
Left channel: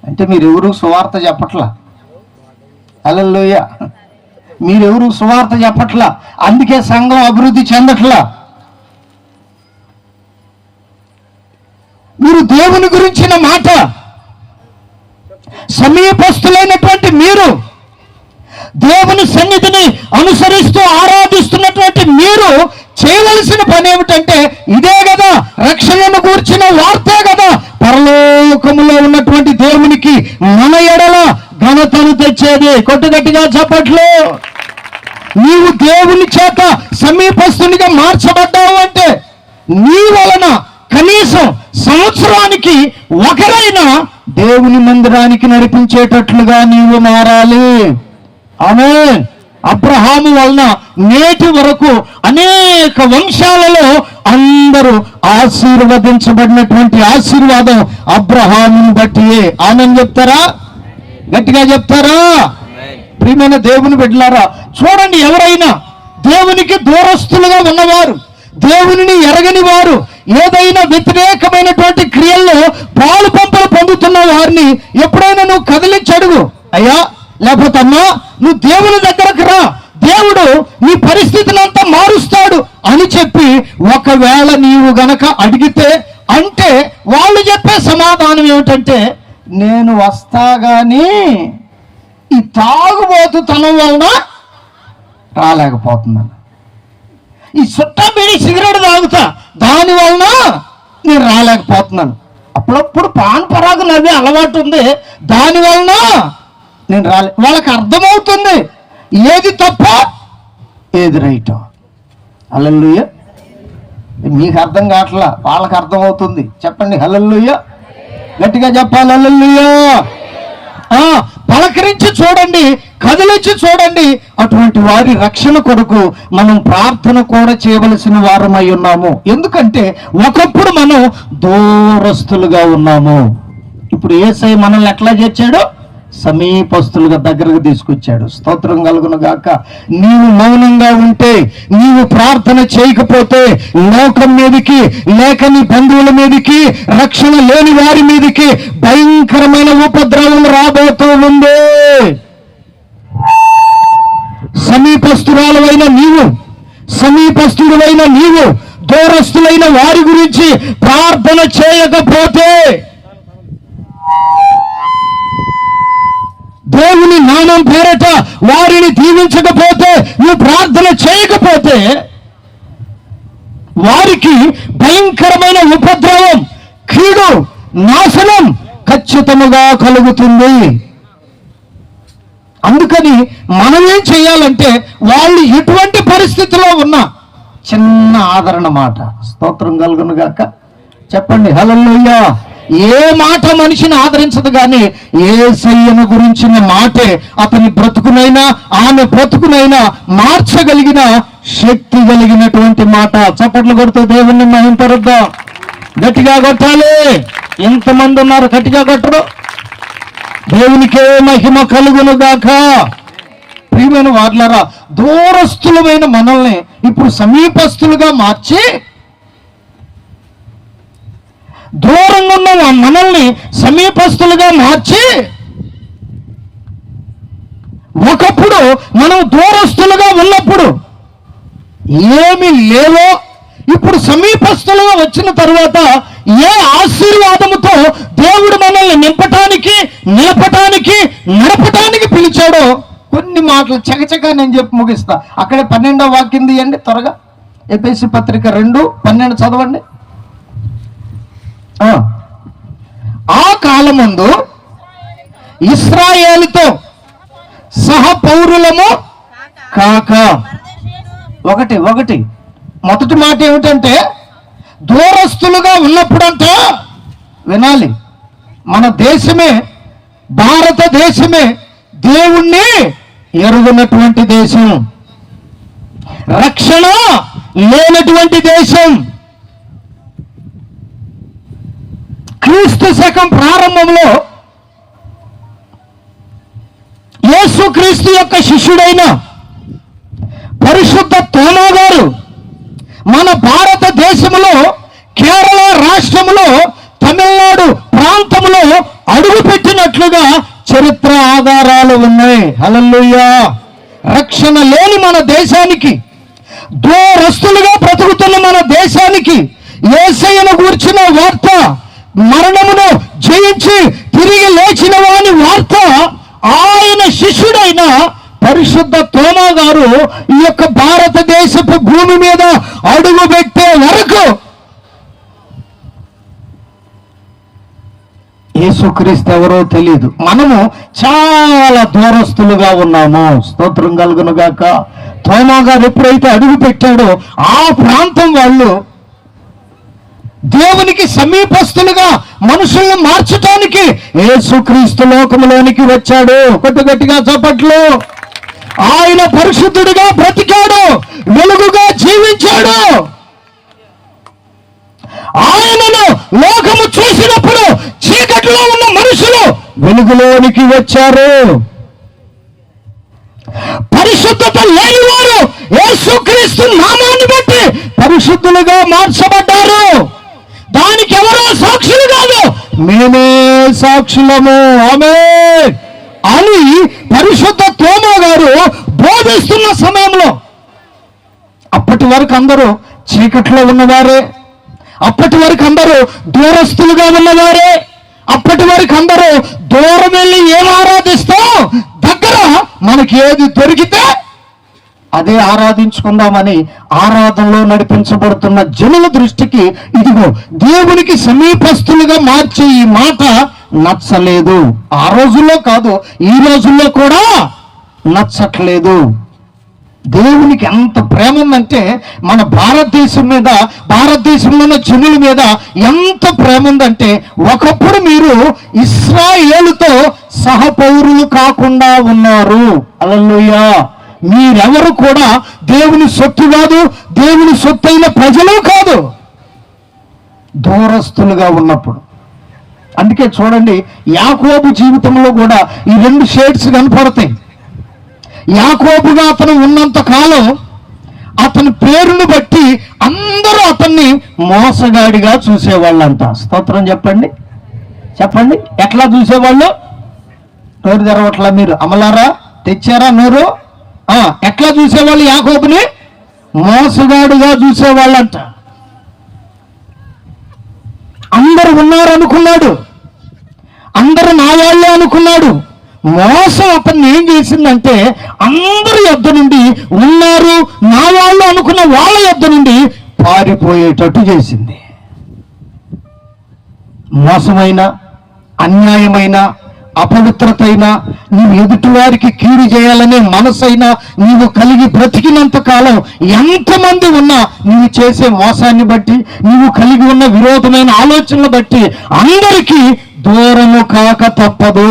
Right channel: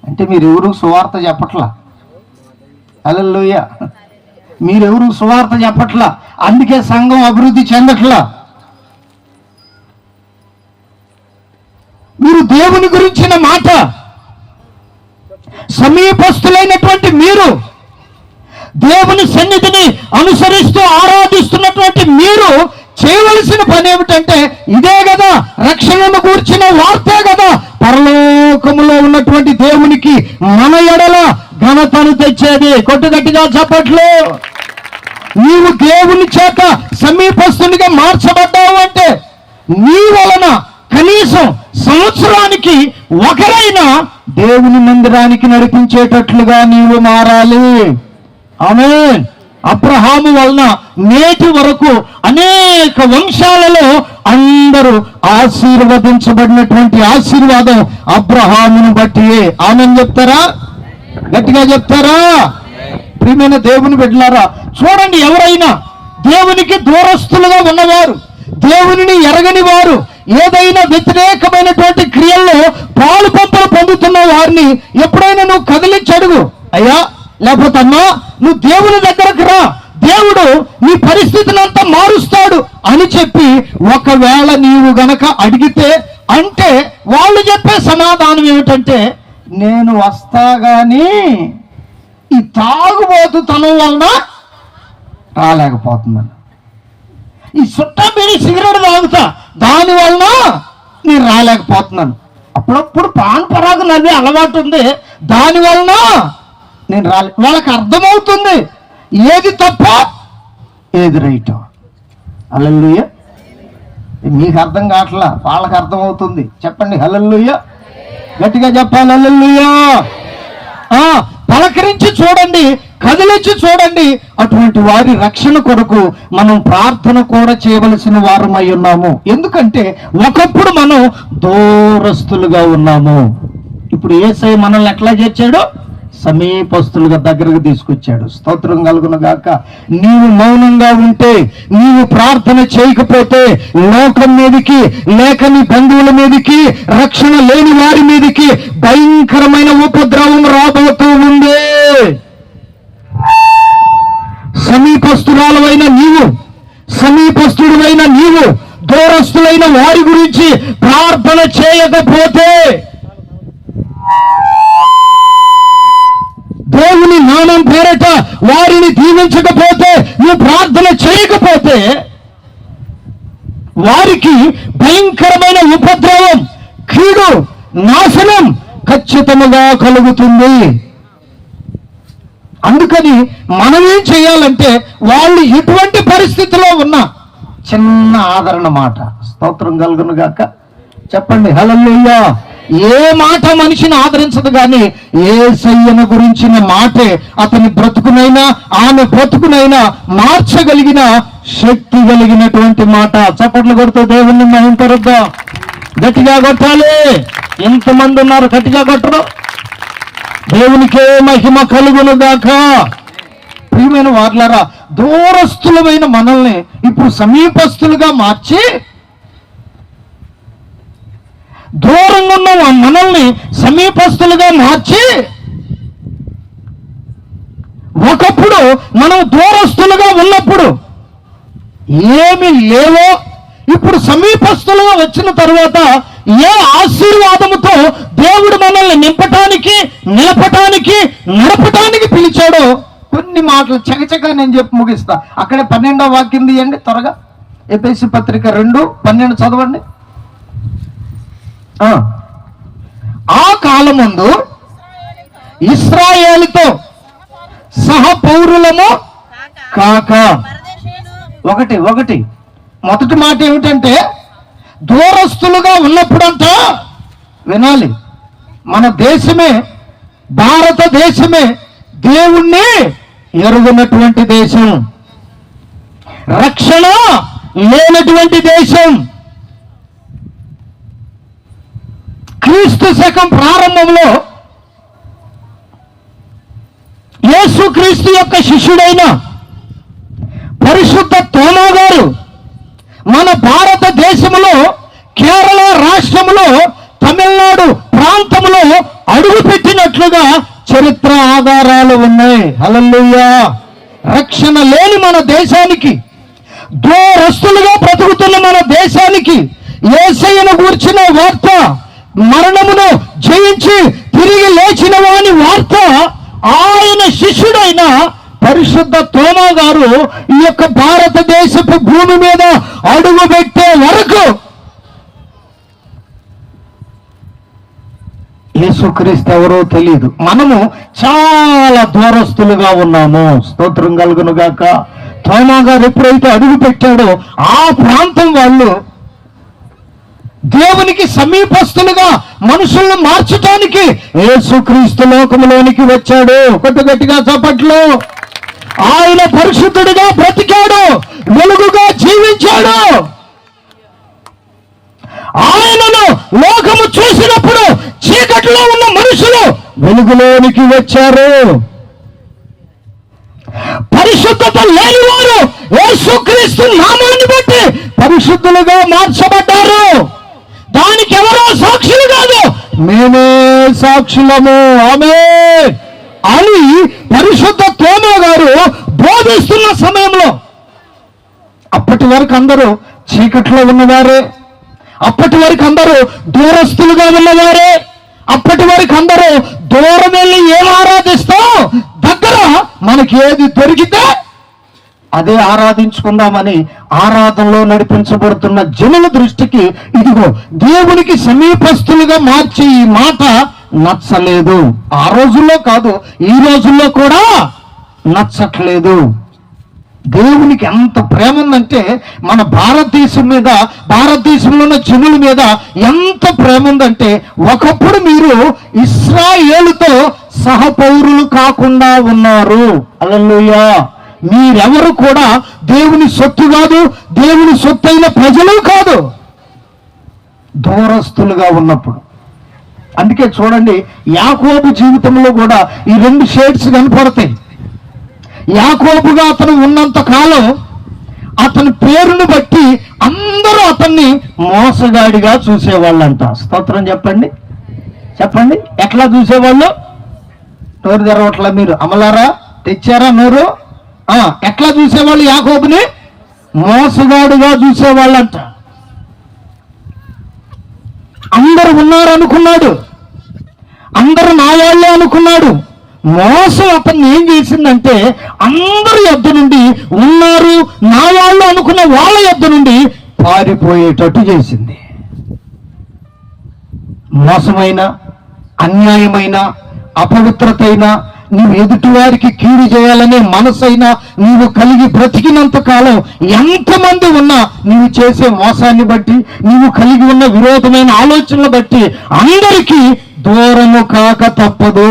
అంటే, మీరెవరు సువార్త చెప్పట్లా, హల్లెలూయా, మీరెవరు సువార్త చెప్పట్లా, అందుకే సంఘం అభివృద్ధి చెందట్లా. మీరు దేవుని గురించిన మాట, సమీపస్తులైనటువంటి మీరు, దేవుని సన్నిధిని అనుసరిస్తూ ఆరాధిస్తున్నటువంటి మీరు చేయవలసిన పని ఏమిటంటే ఇదే కదా, రక్షణను కూర్చిన వార్తే కదా పరలోకములో ఉన్నటువంటి దేవునికి మన ఎడల ఘనతను తెచ్చేది. కొట్టుగట్టిగా చెప్పట్లు. నీవు దేవుని చేత సమీపస్తునిగా మార్చబడ్డావు అంటే నీ వలన కనీసం సంవత్సరానికి ఒకరైనా దేవుని మందిరానికి నడిపించేటట్లుగా నీవు మారాలి. ఆమేన్. అబ్రహాము వలన నేటి వరకు అనేక వంశాలలో అందరూ ఆశీర్వదించబడినటువంటి ఆశీర్వాదం అబ్రహామును బట్టియే. ఆమేన్ చెప్తారా? గట్టిగా చెప్తారా? ప్రియమైన దేవుని బిడ్డలారా, చూడండి, ఎవరైనా దేవునికి దూరస్తులుగా ఉన్నవారు, దేవునిని ఎరగని వారు ఏదైనా వ్యతిరేకమైనటువంటి క్రియల్లో పాలు పంపులు పొందుతున్న వారిని ఎప్పుడైనా నువ్వు కదిలించి అడుగు, అయ్యా లేకపోతే అమ్మా నువ్వు దేవుని దగ్గరకు రా, దేవుడు నీ పరిస్థితిని అంతా మారుస్తాడు అని చెప్పి ఒకవేళ నీవు గనక అడిగితే, అంటే వాళ్ళు చెప్పే సమాధానం ఏమిటంటే, నేను వస్తా గాని ఈ తాగుబోతుతనం వలన రాలేకపోతున్నాను, ఈ సుట్ట బీడి సిగరెట్ తాగుతా దాని వలన నేను రాలేకపోతున్నాను, అప్పుడప్పుడు పాన్ పరాగు నది అలవాటు ఉంది దాని వలన నేను వాళ్ళకి అర్థమవుతుంది ఏది తప్ప ఏది రైటో. హల్లెలూయా. మీకు అర్థం కావట్లా, వాళ్ళకి అర్థమవుతుంది. చెప్పండి హల్లెలూయా, గట్టిగా చెప్పాలి హల్లెలూయా. పలకరించి చూడండి, కదిలించి చూడండి. అటువంటి వారి రక్షణ కొరకు మనం ప్రార్థన కూడా చేయవలసిన వారమై ఉన్నాము. ఎందుకంటే ఒకప్పుడు మనం దూరస్తులుగా ఉన్నాము. ఇప్పుడు యేసయ్య మనల్ని ఎట్లా చేర్చాడు? సమీపస్తులుగా దగ్గరకు తీసుకొచ్చాడు. స్తోత్రం కలుగును గాక. నీవు మౌనంగా ఉంటే, నీవు ప్రార్థన చేయకపోతే లోకం మీదకి లేక నీ బంధువుల మీదకి, రక్షణ లేని వారి మీదకి భయంకరమైన ఉపద్రవం రాబోతూ ఉంది. సమీపస్తురాలైన నీవు, సమీపస్తుడైన నీవు దూరస్తులైన వారి గురించి ప్రార్థన చేయకపోతే, దేవుని నామం పేరట వారిని దీవించకపోతే, నువ్వు ప్రార్థన చేయకపోతే వారికి భయంకరమైన ఉపద్రవం, కీడు, నాశనం ఖచ్చితంగా కలుగుతుంది. అందుకని మనం ఏం చేయాలంటే, వాళ్ళు ఎటువంటి పరిస్థితిలో ఉన్నా చిన్న ఆదరణ మాట. స్తోత్రం కలుగును గాక. చెప్పండి హల్లెలూయా. ఏ మాట మనిషిని ఆదరించదు కానీ యేసయ్యను గురించిన మాటే అతని బ్రతుకునైనా ఆమె బ్రతుకునైనా మార్చగలిగిన శక్తి కలిగినటువంటి మాట. చప్పట్లు కొడుతూ దేవుణ్ణి మహింపరుద్దాం. గట్టిగా కొట్టాలి. ఎంతమంది ఉన్నారు గట్టిగా కొట్టరు? దేవునికే మహిమ కలుగును గాక. ప్రియమైన వార్లారా, దూరస్తులమైన మనల్ని ఇప్పుడు సమీపస్తులుగా మార్చి, దూరంగా ఉన్న మనల్ని సమీపస్తులుగా మార్చి, ఒకప్పుడు మనం దూరస్తులుగా ఉన్నప్పుడు ఏమి లేవో ఇప్పుడు సమీపస్తులుగా వచ్చిన తర్వాత ఏ ఆశీర్వాదముతో దేవుడు మనల్ని నింపటానికి, నిలపటానికి, నడపటానికి పిలిచాడో కొన్ని మాటలు చకచకా నేను చెప్పి ముగిస్తా. అక్కడే 12వ వాక్యం తీయండి త్వరగా. ఎఫెసీ పత్రిక 2:12 చదవండి. ఆ కాలమందు ఇశ్రాయేలుతో సహ పౌరులము కాక, ఒకటి మొదటి మాట ఏమిటంటే, దూరస్తులుగా ఉన్నప్పుడంతా వినాలి, మన దేశమే, భారతదేశమే దేవుణ్ణి ఎరుగనటువంటి దేశం, రక్షణ లేనటువంటి దేశం. క్రీస్తు శకం ప్రారంభంలో యేసుక్రీస్తు యొక్క శిష్యుడైన పరిశుద్ధ తోమా గారు మన భారతదేశంలో, కేరళ రాష్ట్రంలో, తమిళనాడు ప్రాంతంలో అడుగుపెట్టినట్లుగా చరిత్ర ఆధారాలు ఉన్నాయి. హల్లెలూయా. రక్షణ లేని మన దేశానికి, దూరస్తులుగా బ్రతుకుతున్న మన దేశానికి యేసయ్యను గూర్చిన వార్త, మరణమును జయించి తిరిగి లేచిన వాని వార్త ఆయన శిష్యుడైన పరిశుద్ధ తోమా గారు ఈ యొక్క భారతదేశపు భూమి మీద అడుగు పెట్టే వరకు యేసుక్రీస్తు ఎవరో తెలియదు. మనము చాలా దూరస్తులుగా ఉన్నాము. స్తోత్రం కలుగును గాక. తోమా గారు ఎప్పుడైతే అడుగు పెట్టాడో ఆ ప్రాంతం వాళ్ళు దేవునికి సమీపస్తులుగా మనుషులను మార్చడానికి యేసుక్రీస్తు లోకములోనికి వచ్చాడు. కొద్ది గట్టిగా చప్పట్లు. ఆయన పరిశుద్ధుడిగా బ్రతికాడు, వెలుగుగా జీవించాడు. ఆయనను లోకము చూసినప్పుడు చీకటిలో ఉన్న మనుషులు వెలుగులోనికి వచ్చారు. పరిశుద్ధత లేని వారు యేసుక్రీస్తు నామాన్ని బట్టి పరిశుద్ధులుగా మార్చబడ్డారు. మేమే సాక్షులము ఆమేన్ అని పరిశుద్ధ తోమా గారు బోధిస్తున్న సమయంలో అప్పటి వరకు అందరూ చీకట్లో ఉన్నవారే, అప్పటి వరకు అందరూ దూరస్తులుగా ఉన్నవారే, అప్పటి వరకు అందరూ దూరం వెళ్ళి ఏం ఆరాధిస్తాం, దగ్గర మనకి ఏది దొరికితే అదే ఆరాధించుకుందామని ఆరాధనలో నడిపించబడుతున్న జనుల దృష్టికి ఇదిగో దేవునికి సమీపస్తులుగా మార్చే ఈ మాట నచ్చలేదు. ఆ రోజుల్లో కాదు, ఈ రోజుల్లో కూడా నచ్చట్లేదు. దేవునికి ఎంత ప్రేమ ఉందంటే మన భారతదేశం మీద, భారతదేశంలో ఉన్న జనుల మీద ఎంత ప్రేమ ఉందంటే ఒకప్పుడు మీరు ఇశ్రాయేలుతో సహపౌరులు కాకుండా ఉన్నారు. హల్లెలూయా. మీరెవరు కూడా దేవుని సొత్తు కాదు, దేవుని సొత్తైన ప్రజలు కాదు, దూరస్తులుగా ఉన్నప్పుడు. అందుకే చూడండి, యాకోబు జీవితంలో కూడా ఈ రెండు షేడ్స్ కనపడతాయి. యాకోబుగా అతను ఉన్నంత కాలం అతని పేరును బట్టి అందరూ అతన్ని మోసగాడిగా చూసేవాళ్ళంట. స్తోత్రం చెప్పండి, చెప్పండి. ఎట్లా చూసేవాళ్ళు? నోరు తెరవట్లా మీరు? అమలారా తెచ్చారా నోరు? ఎట్లా చూసేవాళ్ళు? యాకోబుని మోసగాడిగా చూసేవాళ్ళంట. అందరు ఉన్నారు అనుకున్నాడు, అందరు నా వాళ్ళే అనుకున్నాడు. మోసం అతన్ని ఏం చేసిందంటే అందరి యొద్ద నుండి, ఉన్నారు నా వాళ్ళు అనుకున్న వాళ్ళ యొద్ద నుండి పారిపోయేటట్టు చేసింది. మోసమైన, అన్యాయమైన, అపవిత్రతైన, నీవు ఎదుటి వారికి కీడు చేయాలనే మనసైనా నీవు కలిగి బ్రతికినంత కాలం ఎంతమంది ఉన్నా నీవు చేసే మోసాన్ని బట్టి, నీవు కలిగి ఉన్న విరోధమైన ఆలోచనలు బట్టి అందరికీ దూరము కాక తప్పదు.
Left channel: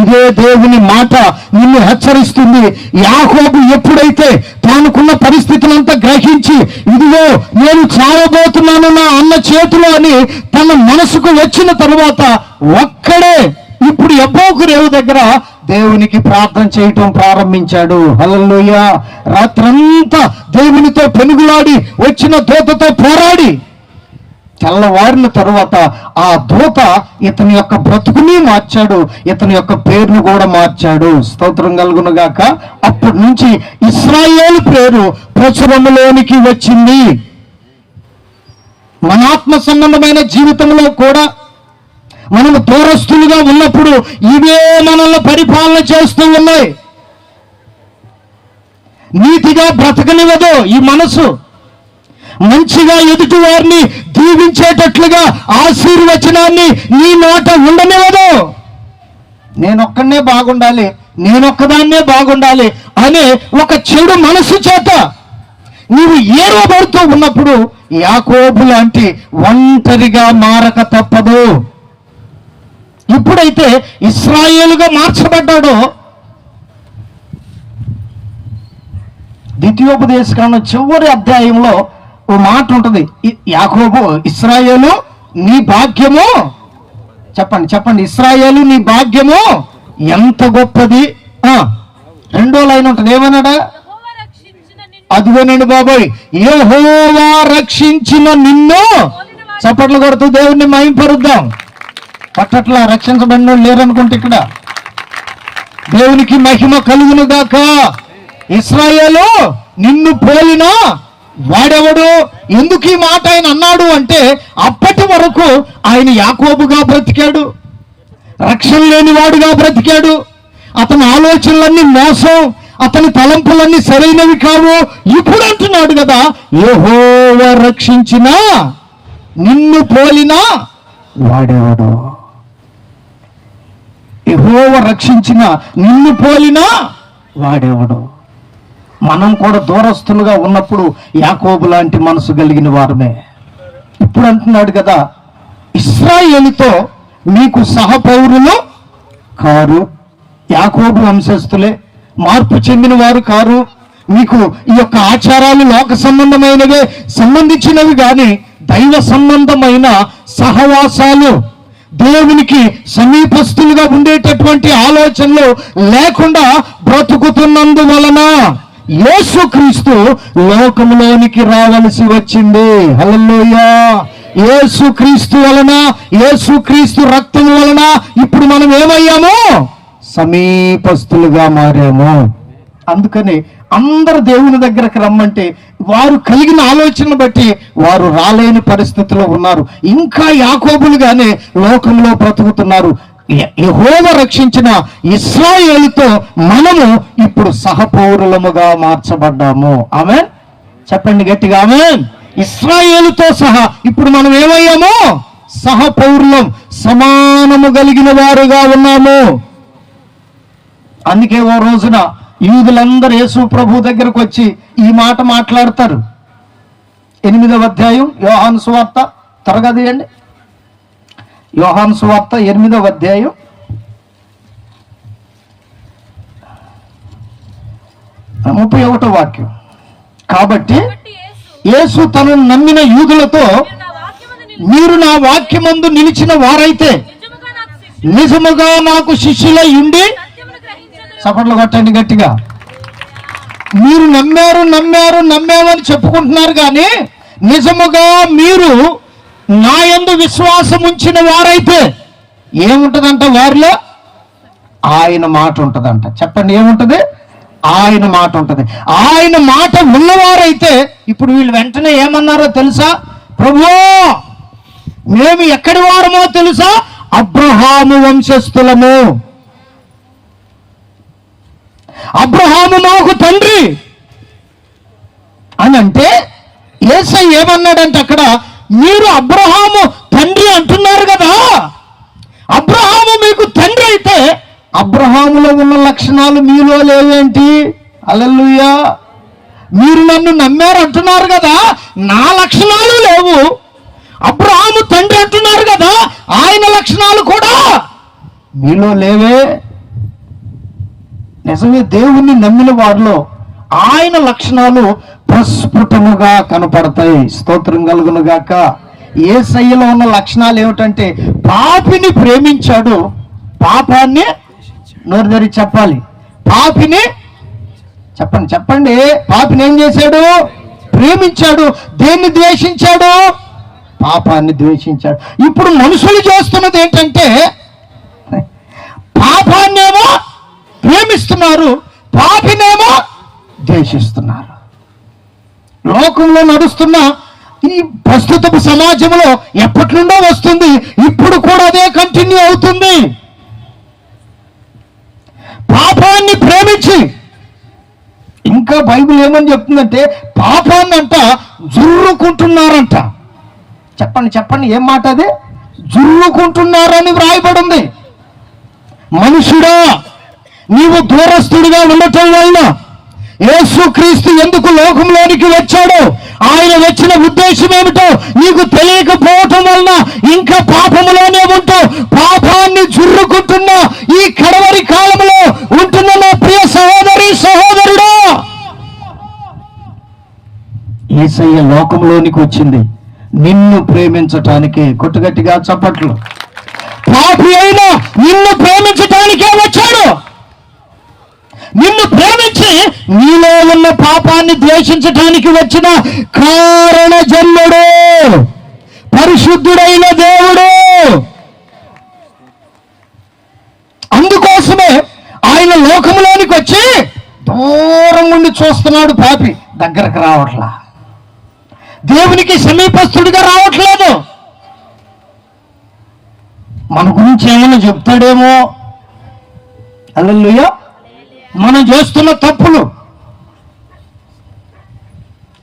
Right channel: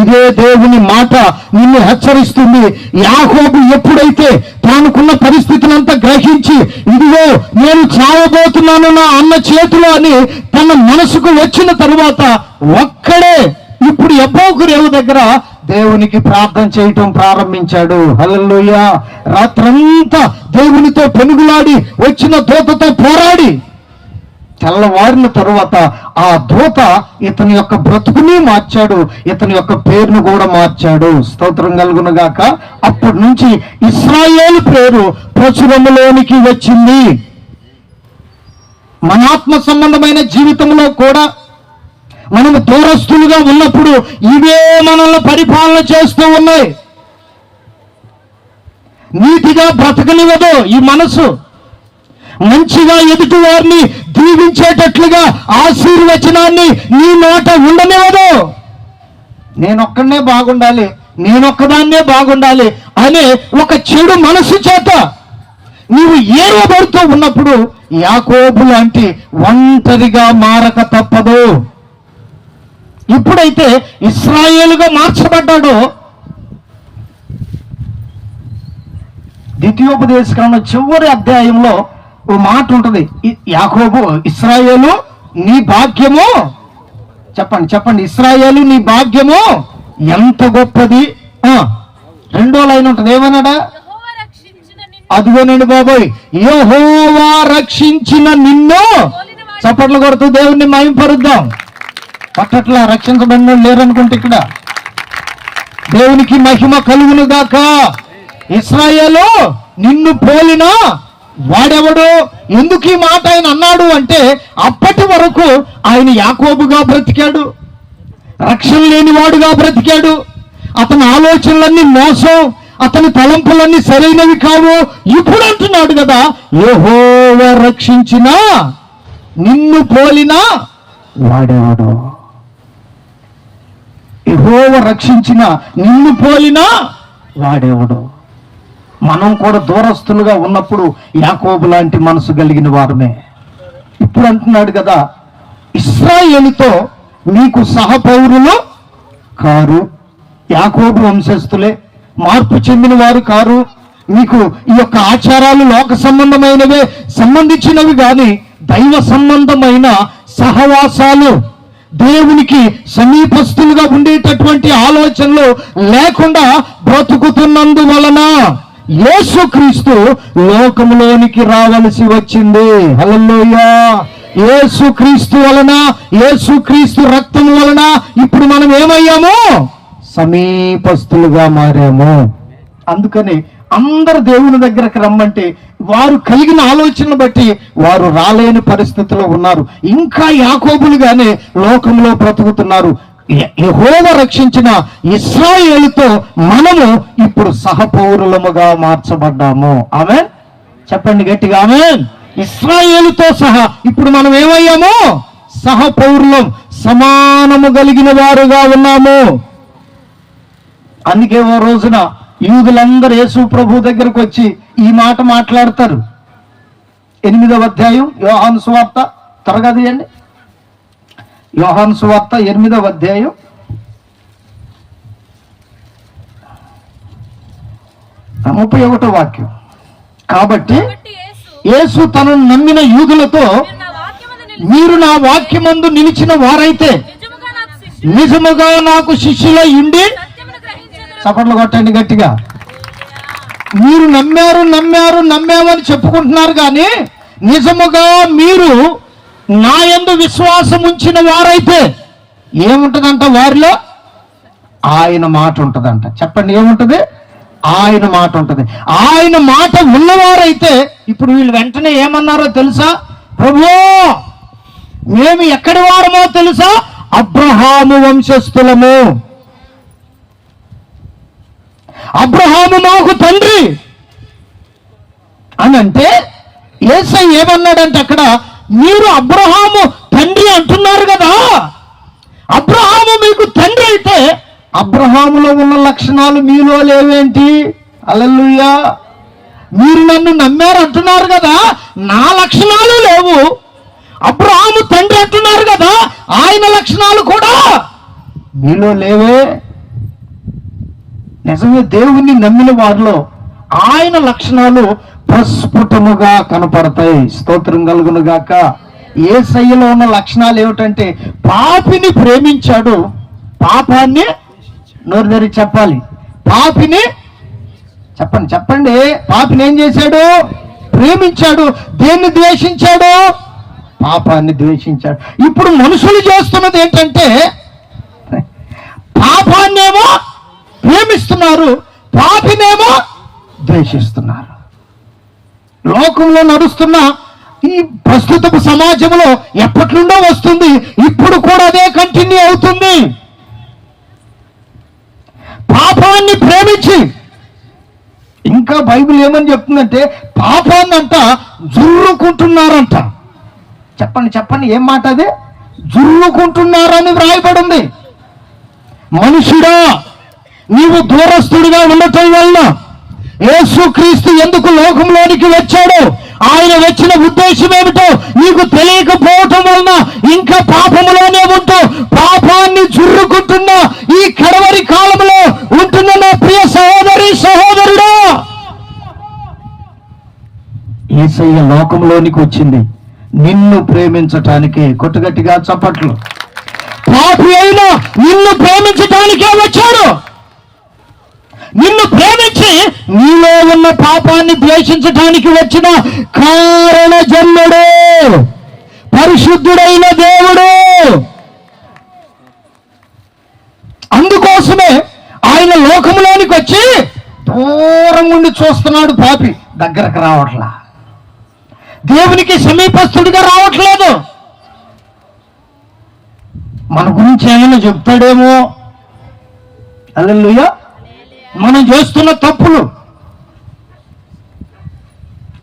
ఇదే దేవుని మాట నిన్ను హెచ్చరిస్తుంది. యాకోబు ఎప్పుడైతే తానుకున్న పరిస్థితులంతా గ్రహించి ఇదిగో నేను చావబోతున్నాను నా అన్న చేతిలో అని తన మనసుకు వచ్చిన తరువాత ఒక్కడే ఇప్పుడు యబ్బోకు రేవు దగ్గర దేవునికి ప్రార్థన చేయటం ప్రారంభించాడు. హల్లెలూయా. రాత్రంతా దేవునితో పెనుగులాడి వచ్చిన దూతతో పోరాడి తెల్లవారిన తరువాత ఆ దూత ఇతని యొక్క బ్రతుకుని మార్చాడు, ఇతని యొక్క పేరును కూడా మార్చాడు. స్తోత్రం కలుగును గాక. అప్పటి నుంచి ఇశ్రాయేలు పేరు ప్రచురములోనికి వచ్చింది. మన ఆత్మ సంబంధమైన జీవితంలో కూడా మనము దూరస్తులుగా ఉన్నప్పుడు ఇవే మనల్ని పరిపాలన చేస్తూ ఉన్నాయి. నీతిగా బ్రతకనివ్వదు ఈ మనసు, మంచిగా ఎదుటి వారిని దీవించేటట్లుగా ఆశీర్వచనాన్ని నీ మాట ఉండనివ్వదు. నేనొక్కనే బాగుండాలి, నేనొక్కదాన్నే బాగుండాలి అనే ఒక చెడు మనసు చేత నీవు ఏరబడుతూ ఉన్నప్పుడు యాకోబు లాంటి ఒంటరిగా మారక తప్పదు. ఇప్పుడైతే ఇశ్రాయేలుగా మార్చబడ్డాడో, ద్వితీయోపదేశకాండం చివరి అధ్యాయంలో ఓ మాట ఉంటుంది. యాకోబు, ఇశ్రాయేలు నీ భాగ్యము, చెప్పండి చెప్పండి, ఇశ్రాయేలు నీ భాగ్యము ఎంత గొప్పది. రెండో లైన్ ఉంటుంది, ఏమన్నాడా? అదిగో నేను బాబోయ్, యెహోవా రక్షించిన నిన్ను. చప్పట్లు కొడుతూ దేవుణ్ణి మహిమపరుద్దాం. పట్టట్లా రక్షించబడిన లేరనుకుంటే ఇక్కడ దేవునికి మహిమ కలుగును గాక. ఇశ్రాయేలు నిన్ను పోలిన వాడెవడు? ఎందుకు ఈ మాట ఆయన అన్నాడు అంటే అప్పటి వరకు ఆయన యాకోబుగా బ్రతికాడు, రక్షణ లేని వాడుగా బ్రతికాడు. అతని ఆలోచనలన్నీ మోసం, అతని తలంపులన్నీ సరైనవి కావు. ఇప్పుడు అంటున్నాడు కదా, యెహోవా రక్షించిన నిన్ను పోలిన వాడెవడు? యెహోవా రక్షించిన నిన్ను పోలిన వాడెవడు? మనం కూడా దూరస్తులుగా ఉన్నప్పుడు యాకోబు లాంటి మనసు కలిగిన వారమే. ఇప్పుడు అంటున్నాడు కదా, ఇశ్రాయేలుతో మీకు సహపౌరులు కారు, యాకోబు వంశస్థులే, మార్పు చెందిన వారు కారు. మీకు ఈ యొక్క ఆచారాలు లోక సంబంధమైనవే సంబంధించినవి కానీ దైవ సంబంధమైన సహవాసాలు, దేవునికి సమీపస్తులుగా ఉండేటటువంటి ఆలోచనలు లేకుండా బ్రతుకుతున్నందువలన యేసుక్రీస్తు లోకంలోనికి రావలసి వచ్చింది. హల్లెలూయా. యేసుక్రీస్తు వలన, యేసుక్రీస్తు రక్తం వలన ఇప్పుడు మనం ఏమయ్యాము? సమీపస్తులుగా మారాము. అందుకని అందరు దేవుని దగ్గరకు రమ్మంటే వారు కలిగిన ఆలోచనను బట్టి వారు రాలేని పరిస్థితిలో ఉన్నారు. ఇంకా యాకోబులుగానే లోకంలో బ్రతుకుతున్నారు. యెహోవా రక్షించిన ఇశ్రాయేలుతో మనము ఇప్పుడు సహపౌరులముగా మార్చబడ్డాము. ఆమేన్. చెప్పండి గట్టిగా ఆమేన్. ఇశ్రాయేలుతో సహా ఇప్పుడు మనం ఏమయ్యాము? సహపౌరులం, సమానము కలిగిన వారుగా ఉన్నాము. అందుకే ఓ రోజున యూదులందరూ యేసు ప్రభు దగ్గరకు వచ్చి ఈ మాట మాట్లాడతారు. 8వ అధ్యాయం యోహాను సువార్త త్వరగా తీయండి. యోహాను సువార్త 8వ అధ్యాయం 31వ వాక్యం. కాబట్టి యేసు తనను నమ్మిన యూదులతో, మీరు నా వాక్యమందు నిలిచిన వారైతే నిజముగా నాకు శిష్యులై ఉండి, చప్పట్లు కొట్టండి గట్టిగా. మీరు నమ్మామని చెప్పుకుంటున్నారు కానీ నిజముగా మీరు నా యందు విశ్వాసం ఉంచిన వారైతే ఏముంటదంట? వారిలో ఆయన మాట ఉంటదంట. చెప్పండి, ఏముంటది? ఆయన మాట ఉంటది. ఆయన మాట ఉన్నవారైతే ఇప్పుడు వీళ్ళు వెంటనే ఏమన్నారో తెలుసా? ప్రభువా, మేము ఎక్కడి వారమో తెలుసా? అబ్రహాము వంశస్థులము, అబ్రహాము మాకు తండ్రి అని అంటే యేసయ్య ఏమన్నాడంటే అక్కడ, మీరు అబ్రహాము తండ్రి అంటున్నారు కదా, అబ్రహాము మీకు తండ్రి అయితే అబ్రహాములో ఉన్న లక్షణాలు మీలో లేవేంటి? హల్లెలూయా. మీరు నన్ను నమ్మారు అంటున్నారు కదా, నా లక్షణాలు లేవు. అబ్రహాము తండ్రి అంటున్నారు కదా, ఆయన లక్షణాలు కూడా మీలో లేవే. నిజమే, దేవుణ్ణి నమ్మిన వారిలో ఆయన లక్షణాలు ప్రస్ఫుటముగా కనపడతాయి. స్తోత్రం కలుగును గాక. యేసయ్యలో ఉన్న లక్షణాలు ఏమిటంటే, పాపిని ప్రేమించాడు, పాపాన్ని నోరు తెరిచి చెప్పాలి. పాపిని చెప్పండి పాపిని ఏం చేశాడు? ప్రేమించాడు. దేన్ని ద్వేషించాడు? పాపాన్ని ద్వేషించాడు. ఇప్పుడు మనుషులు చేస్తున్నది ఏంటంటే, పాపాన్నేమో ప్రేమిస్తున్నారు, పాపినేమో ద్వేషిస్తున్నారు. లోకంలో నడుస్తున్న ఈ ప్రస్తుత సమాజంలో ఎప్పటి నుండో వస్తుంది, ఇప్పుడు కూడా అదే కంటిన్యూ అవుతుంది. పాపాన్ని ప్రేమించి, ఇంకా బైబిల్ ఏమని చెప్తుందంటే పాపాన్ని అంట జుర్రుకుంటున్నారంట. చెప్పండి ఏం మాట అది? జుర్రుకుంటున్నారని వ్రాయబడింది. మనుషుడా, నీవు దూరస్తుడిగా ఉండటం వల్ల యేసుక్రీస్తు ఎందుకు లోకంలోనికి వచ్చాడో, ఆయన వచ్చిన ఉద్దేశం ఏమిటో నీకు తెలియకపోవటం వలన ఇంకా పాపములోనే ఉంటూ పాపాన్ని జుర్రుకుంటున్న ఈ కడవరి కాలంలో ఉంటున్న నా ప్రియ సహోదరి సహోదరుడా, యేసయ్య లోకంలోనికి వచ్చింది నిన్ను ప్రేమించటానికి. కొట్టుగట్టిగా చప్పట్లు. పాపి అయినా నిన్ను ప్రేమించటానికే వచ్చాడు. నిన్ను ప్రేమించి నీలో ఉన్న పాపాన్ని ద్వేషించటానికి వచ్చిన కారణ జన్ముడు, పరిశుద్ధుడైన దేవుడు. అందుకోసమే ఆయన లోకంలోనికి వచ్చి దూరం నుండి చూస్తున్నాడు. పాపి దగ్గరకు రావట్లా, దేవునికి సమీపస్తుడిగా రావట్లేదు. మన గురించి ఏమైనా చెప్తాడేమో. హల్లెలూయా. మనం చేస్తున్న తప్పులు,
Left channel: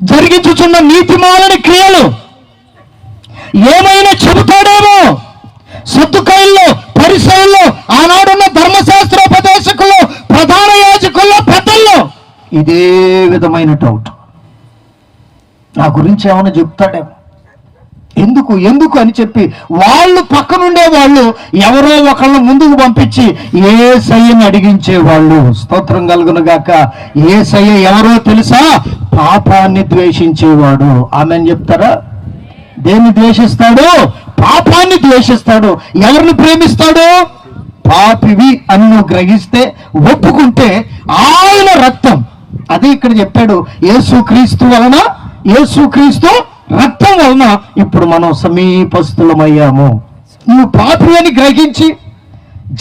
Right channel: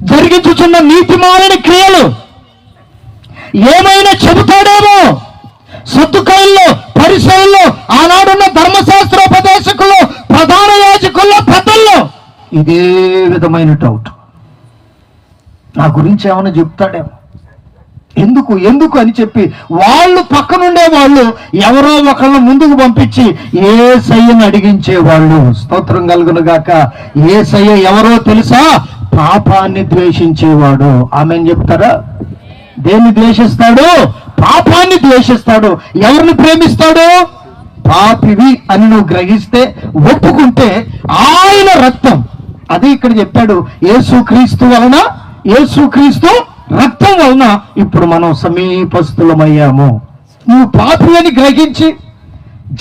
జరిగించుచున్న నీతిమాలని క్రియలు ఏమైనా చెబుతాడేమో. సద్దుకైల్లో, పరిసయ్యుల్లో, ఆనాడున్న ధర్మశాస్త్రోపదేశకుల్లో, ప్రధాన యాజకుల్లో, పెద్దల్లో ఇదే విధమైన డౌట్. నా గురించి ఏమైనా చెప్తాడేమో. ఎందుకు అని చెప్పి వాళ్ళు పక్కనుండే వాళ్ళు ఎవరో ఒకళ్ళని ముందుకు పంపించి యేసయ్యను అడిగించేవాళ్ళు. స్తోత్రం కలుగును గాక. యేసయ్య ఎవరో తెలుసా? పాపాన్ని ద్వేషించేవాడు. ఆమెను చెప్తారా? దేన్ని ద్వేషిస్తాడు? పాపాన్ని ద్వేషిస్తాడు. ఎవరిని ప్రేమిస్తాడు? పాపివి అని నువ్వు గ్రహిస్తే, ఒప్పుకుంటే ఆయన రక్తం, అది ఇక్కడ చెప్పాడు, యేసుక్రీస్తు వలన, యేసుక్రీస్తు రక్తం వలన ఇప్పుడు మనం సమీపస్థులమయ్యాము. నువ్వు పాపి అని గ్రహించి,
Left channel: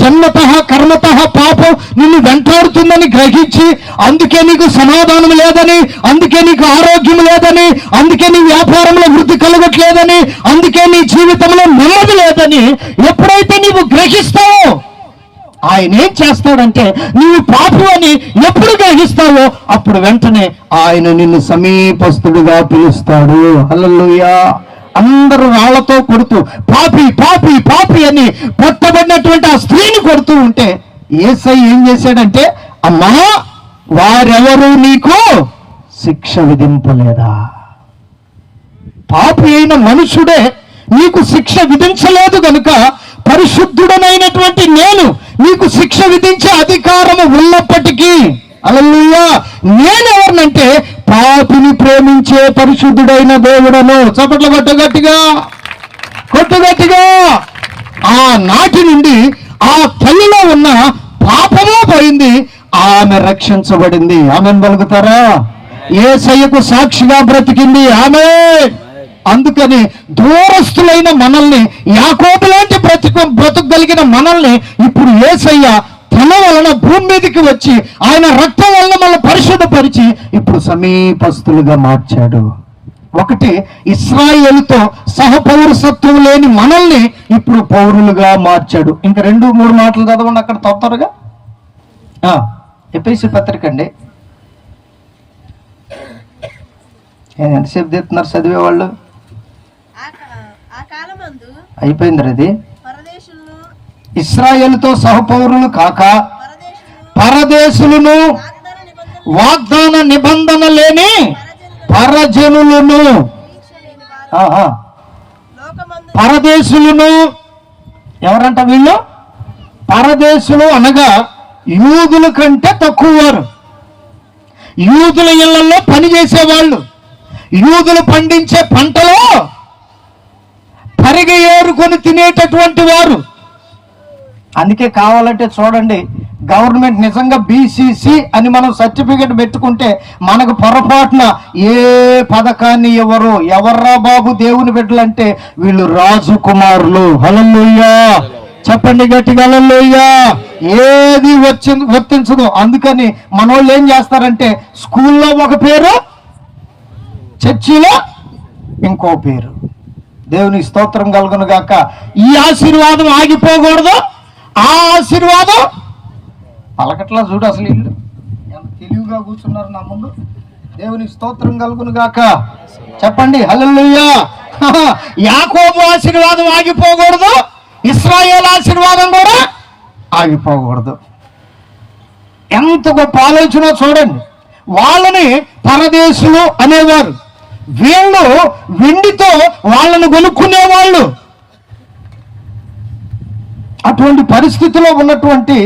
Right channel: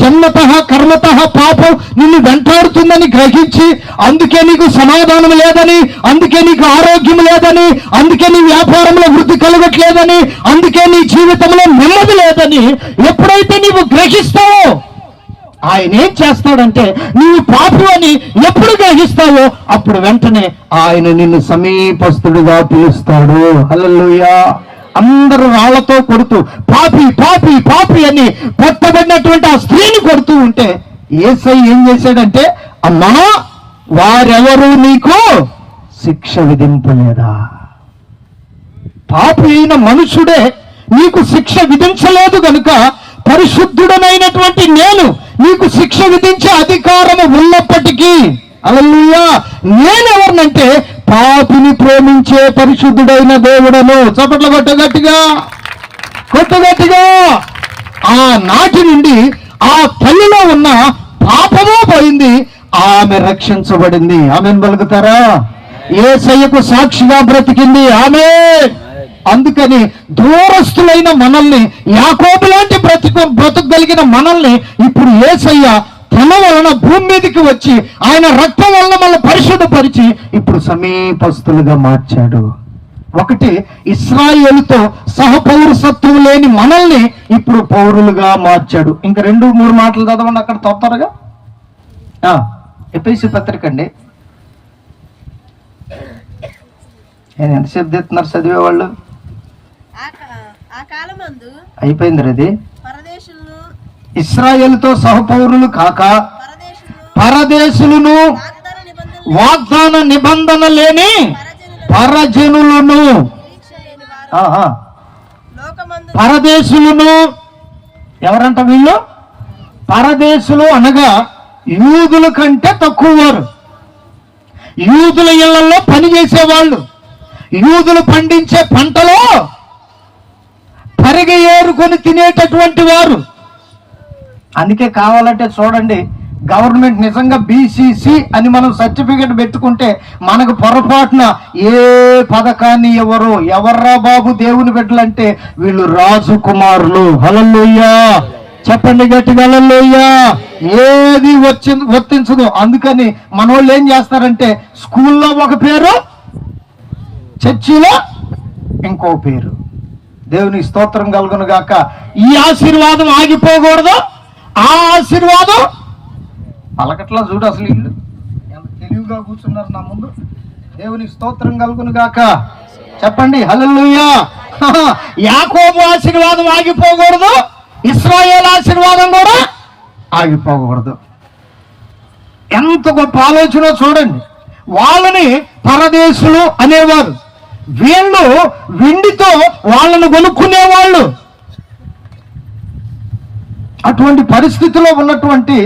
జన్మత కర్మత పాపం నిన్ను వెంటాడుతుందని గ్రహించి, అందుకే నీకు సమాధానం లేదని, అందుకే నీకు ఆరోగ్యం లేదని, అందుకే నీ వ్యాపారంలో వృద్ధి కలగట్లేదని, అందుకే నీ జీవితంలో నెమ్మది లేదని ఎప్పుడైతే నీవు గ్రహిస్తావో, ఆయన ఏం చేస్తాడంటే, నీవు పాపి అని ఎప్పుడు గ్రహిస్తావో అప్పుడు వెంటనే ఆయన నిన్ను సమీపస్తుడిగా పిలుస్తాడు. హల్లెలూయా. అందరూ రాళ్లతో కొడుతూ పాపి పాపి పాపి అని పట్టబడినటువంటి ఆ స్త్రీని కొడుతూ ఉంటే యేసయ్య ఏం చేశాడంటే, అమ్మా వారెవరు నీకు శిక్ష విధింపలేదా? పాపి అయిన మనుషుడే నీకు శిక్ష విధించలేదు గనుక పరిశుద్ధుడనైనటువంటి నేను నీకు శిక్ష విధించే అధికారము ఉన్నప్పటికీ, హల్లెలూయా, నేనెవరినంటే పాపిని ప్రేమించే పరిశుద్ధుడైన దేవుడను. చప్పట్లు కొట్టు గట్టిగా, కొట్టు గట్టిగా. ఆ నాటి నుండి ఆ తల్లిలో ఉన్న పాపము పోయింది, ఆమె రక్షించబడింది. ఆమెను పలుకుతారా? యేసయ్యకు సాక్షిగా బ్రతికింది ఆమె. అందుకని దూరస్తులైన మనల్ని, యాకోబు లాంటి బ్రతుకగలిగిన మనల్ని ఇప్పుడు యేసయ్య తన వలన భూమి మీదకి వచ్చి ఆయన రక్తం వలన మనల్ని పరిశుద్ధపరిచి ఇప్పుడు సమీపస్తులుగా మార్చాడు. ఒకటి, ఇశ్రాయేలుతో సహపౌరసత్వం లేని మనల్ని ఇప్పుడు పౌరులుగా మార్చాడు. ఇంకా 2-3 మాటలు చదవండి అక్కడ త్వరగా. ఎఫెసీ పత్రిక అండి. ఎంతసేపు తెస్తున్నారు చదివేవాళ్ళు? అయిపోయింది అది. ఇశ్రాయేలుతో సహపౌరులు కాక పరదేశులను, వాగ్దాన నిబంధన లేని పరజనులను, పరదేశులను ఎవరంట వీళ్ళు? పరదేశులు అనగా యూదుల కంటే తక్కువ వారు, యూదుల ఇళ్లలో పని చేసేవాళ్ళు, యూదులు పండించే పంటలో తరిగి ఏరుకొని తినేటటువంటి వారు. అందుకే కావాలంటే చూడండి, గవర్నమెంట్ నిజంగా బీసీసీ అని మనం సర్టిఫికెట్ పెట్టుకుంటే మనకు పొరపాటున ఏ పథకాన్ని ఎవర్రా బాబు దేవుని బిడ్డలంటే వీళ్ళు రాజు కుమారులు. హల్లెలూయా, చెప్పండి గట్టిగా హల్లెలూయా. ఏది వర్తించదు. అందుకని మనోళ్ళు ఏం చేస్తారంటే, స్కూల్లో ఒక పేరు, చర్చిలో ఇంకో పేరు. దేవునికి స్తోత్రం కలుగును గాక. ఈ ఆశీర్వాదం ఆగిపోకూడదు, ఆ ఆశీర్వాదం పలకట్లా. చూడు అసలు ఇల్లు ఎంత తెలివిగా కూర్చున్నారు నా ముందు. దేవునికి స్తోత్రం కలుగును గాక. చెప్పండి హల్లెలూయా. యాకోబు ఆశీర్వాదం ఆగిపోకూడదు, ఇశ్రాయేలు ఆశీర్వాదం కూడా ఆగిపోకూడదు. ఎంత గొప్ప ఆలోచన చూడండి. వాళ్ళని పరదేశులు అనేవారు, వీళ్ళు వెండితో వాళ్ళను కొనుక్కునేవాళ్ళు. అటువంటి పరిస్థితిలో ఉన్నటువంటి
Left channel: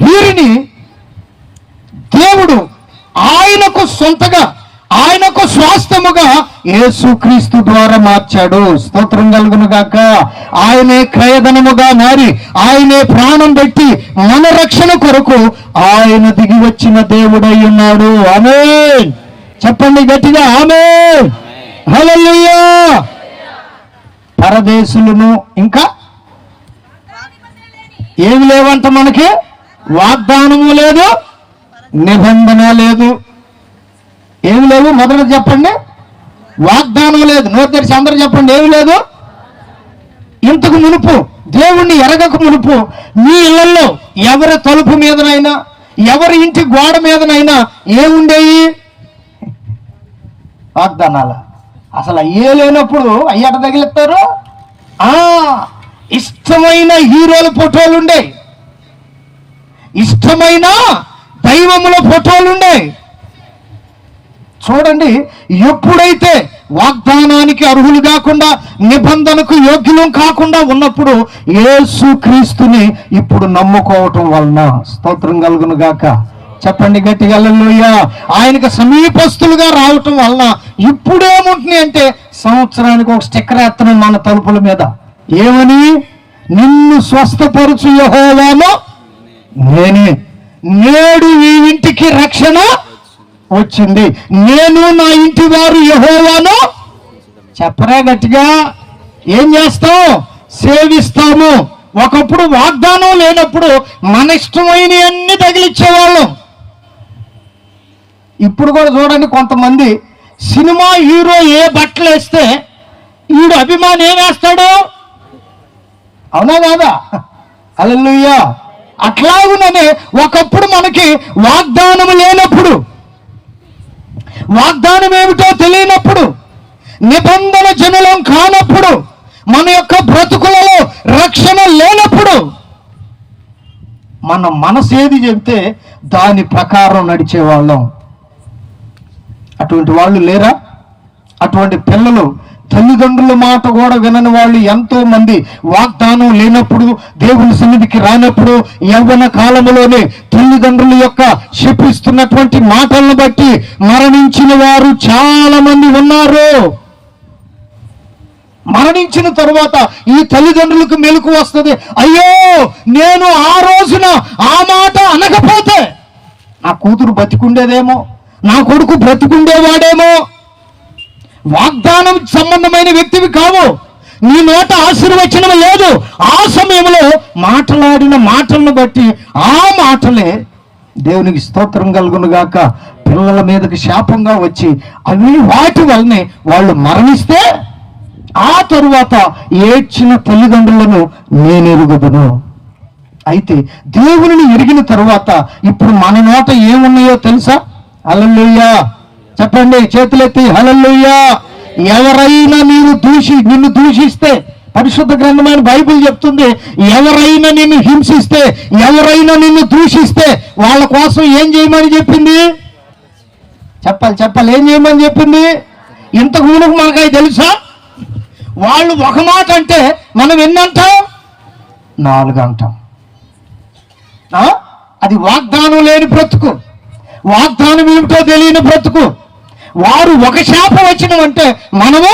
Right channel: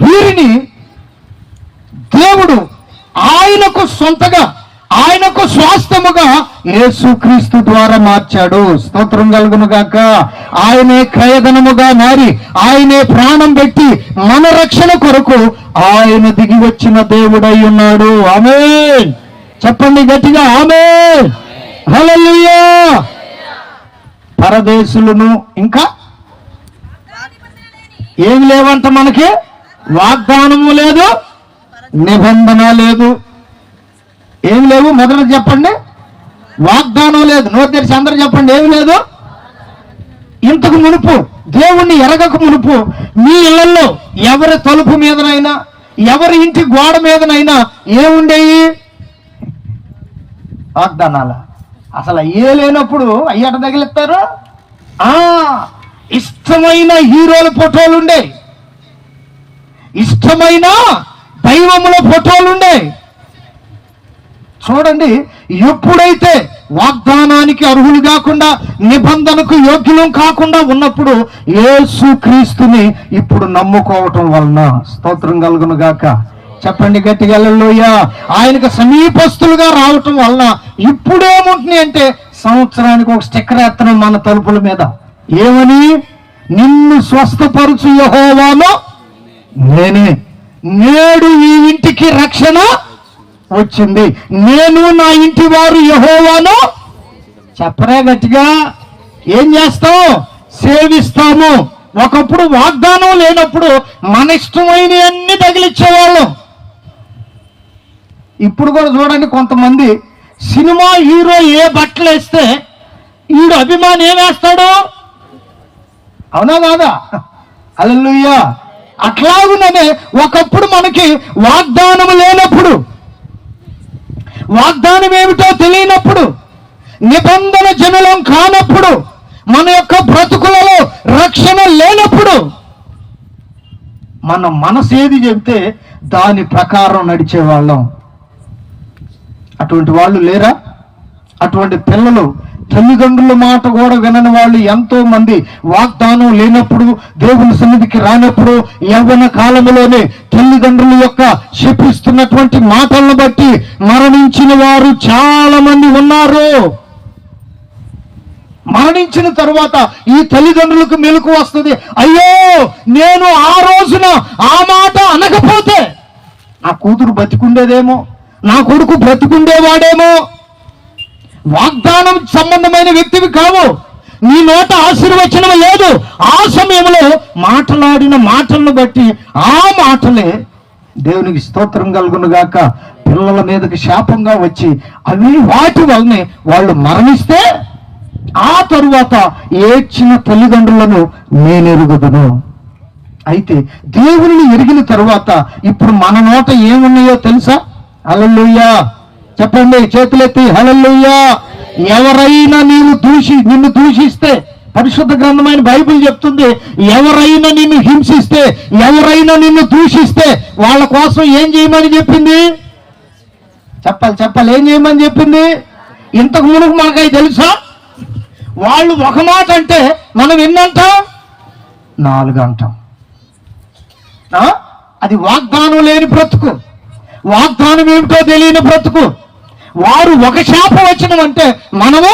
వీరిని దేవుడు ఆయనకు సొంతగా, ఆయనకు స్వాస్థ్యముగా యేసుక్రీస్తు ద్వారా మార్చాడు. స్తోత్రం కలుగును గాక. ఆయనే క్రయధనముగా మారి, ఆయనే ప్రాణం పెట్టి మన రక్షణ కొరకు ఆయన దిగి వచ్చిన దేవుడై ఉన్నాడు. ఆమేన్. చెప్పండి గట్టిగా ఆమేన్. హల్లెలూయా. పరదేశులను, ఇంకా ఏమి లేవంట మనకి? వాగ్దానము లేదు, నిబంధన లేదు. ఏమి లేవు? మొదట చెప్పండి. వాగ్దానం లేదు. నోరు తెరిచి అందరూ చెప్పండి. ఏమి లేదు? ఇంతకు మునుపు, దేవుణ్ణి ఎరగక మునుపు మీ ఇళ్లలో ఎవరి తలుపు మీదనైనా, ఎవరి ఇంటి గోడ మీదనైనా ఏముండేవి? వాగ్దానాల. అసలు అయ్యే లేనప్పుడు అయ్యట తగిలిస్తారు. ఇష్టమైన హీరోల ఫోటోలు ఉండే, ఇష్టమైన దైవముల ఫోటోలు ఉండే. చూడండి, ఎప్పుడైతే వాగ్దానానికి అర్హులు కాకుండా, నిబంధనకు యోగ్యులం కాకుండా ఉన్నప్పుడు యేసుక్రీస్తుని ఇప్పుడు నమ్ముకోవటం వలన, స్తోత్రం కలుగును గాక. చెప్పండి గట్టిగా హల్లెలూయా. ఆయనకు సమీపస్తులుగా రావటం వలన ఇప్పుడేముంటుంది అంటే, సంవత్సరానికి ఒక స్టిక్కర్ ఎత్తనం మన తలుపుల మీద. ఏమని? నిన్ను స్వస్థపరచు యెహోవాను నేనే, నేడు ఈ ఇంటికి రక్షణ వచ్చింది, నేను నా ఇంటి వారు యెహోవాను చెప్పరే గట్టిగా. ఏం చేస్తాం? సేవిస్తాము. ఒకప్పుడు వాగ్దానం లేనప్పుడు మన ఇష్టమైన అన్ని తగిలిచ్చేవాళ్ళం. ఇప్పుడు కూడా చూడండి, కొంతమంది సినిమా హీరో ఏ బట్టలు వేస్తే ఈడు అభిమాని ఏం వేస్తాడు? అవునా కాదా? హల్లెలూయా. అట్లాగుననే ఒకప్పుడు మనకి వాగ్దానం లేనప్పుడు, వాగ్దానం ఏమిటో తెలియనప్పుడు, నిబంధన జనులం కానప్పుడు, మన యొక్క బ్రతుకులలో రక్షణ లేనప్పుడు మన మనసేది చెబితే దాని ప్రకారం నడిచేవాళ్ళం. అటువంటి వాళ్ళు లేరా? అటువంటి పిల్లలు తల్లిదండ్రుల మాట కూడా వినని వాళ్ళు ఎంతో మంది వాగ్దానం లేనప్పుడు, దేవుని సన్నిధికి రానప్పుడు, యవ్వన కాలంలోనే తల్లిదండ్రుల యొక్క శపిస్తున్నటువంటి మాటలను బట్టి మరణించిన వారు చాలా మంది ఉన్నారు. మరణించిన తరువాత ఈ తల్లిదండ్రులకు మెలకు వస్తుంది, అయ్యో నేను ఆ రోజున ఆ మాట అనకపోతే నా కూతురు బతికుండేదేమో, నా కొడుకు బ్రతికుండేవాడేమో. వాగ్దానం సంబంధమైన వ్యక్తివి కావు, నీ నోట ఆశీర్వచనం లేదు. ఆ సమయంలో మాట్లాడిన మాటలను బట్టి ఆ మాటలే దేవునికి స్తోత్రం కలుగును గాక పిల్లల మీదకి శాపంగా వచ్చి అవి వాటి వల్లనే వాళ్ళు మరణిస్తే ఆ తరువాత ఏడ్చిన తల్లిదండ్రులను నేనెరుగుదును. అయితే దేవుని ఎరిగిన తరువాత ఇప్పుడు మన నోట ఏమున్నాయో తెలుసా? హల్లెలూయా చెప్పండి, చేతులెత్తి హల్లెలూయా. ఎవరైనా నిన్ను దూషిస్తే, పరిశుద్ధ గ్రంథమైన బైబిల్ చెప్తుంది, ఎవరైనా నిన్ను హింసిస్తే, ఎవరైనా నిన్ను దూషిస్తే వాళ్ళ కోసం ఏం చేయమని చెప్పింది? చెప్పాలి, ఏం చేయమని చెప్పింది? ఇంతకు మునుపు మనకై తెలుసా? వాళ్ళు ఒక మాట అంటే మనం ఎన్నంటాం? 4 అంటాం. అది వాగ్దానం లేని బ్రతుకు, వాగ్దానం ఏమిటో తెలియని బ్రతుకు. వారు ఒక శాపవచనం అంటే మనము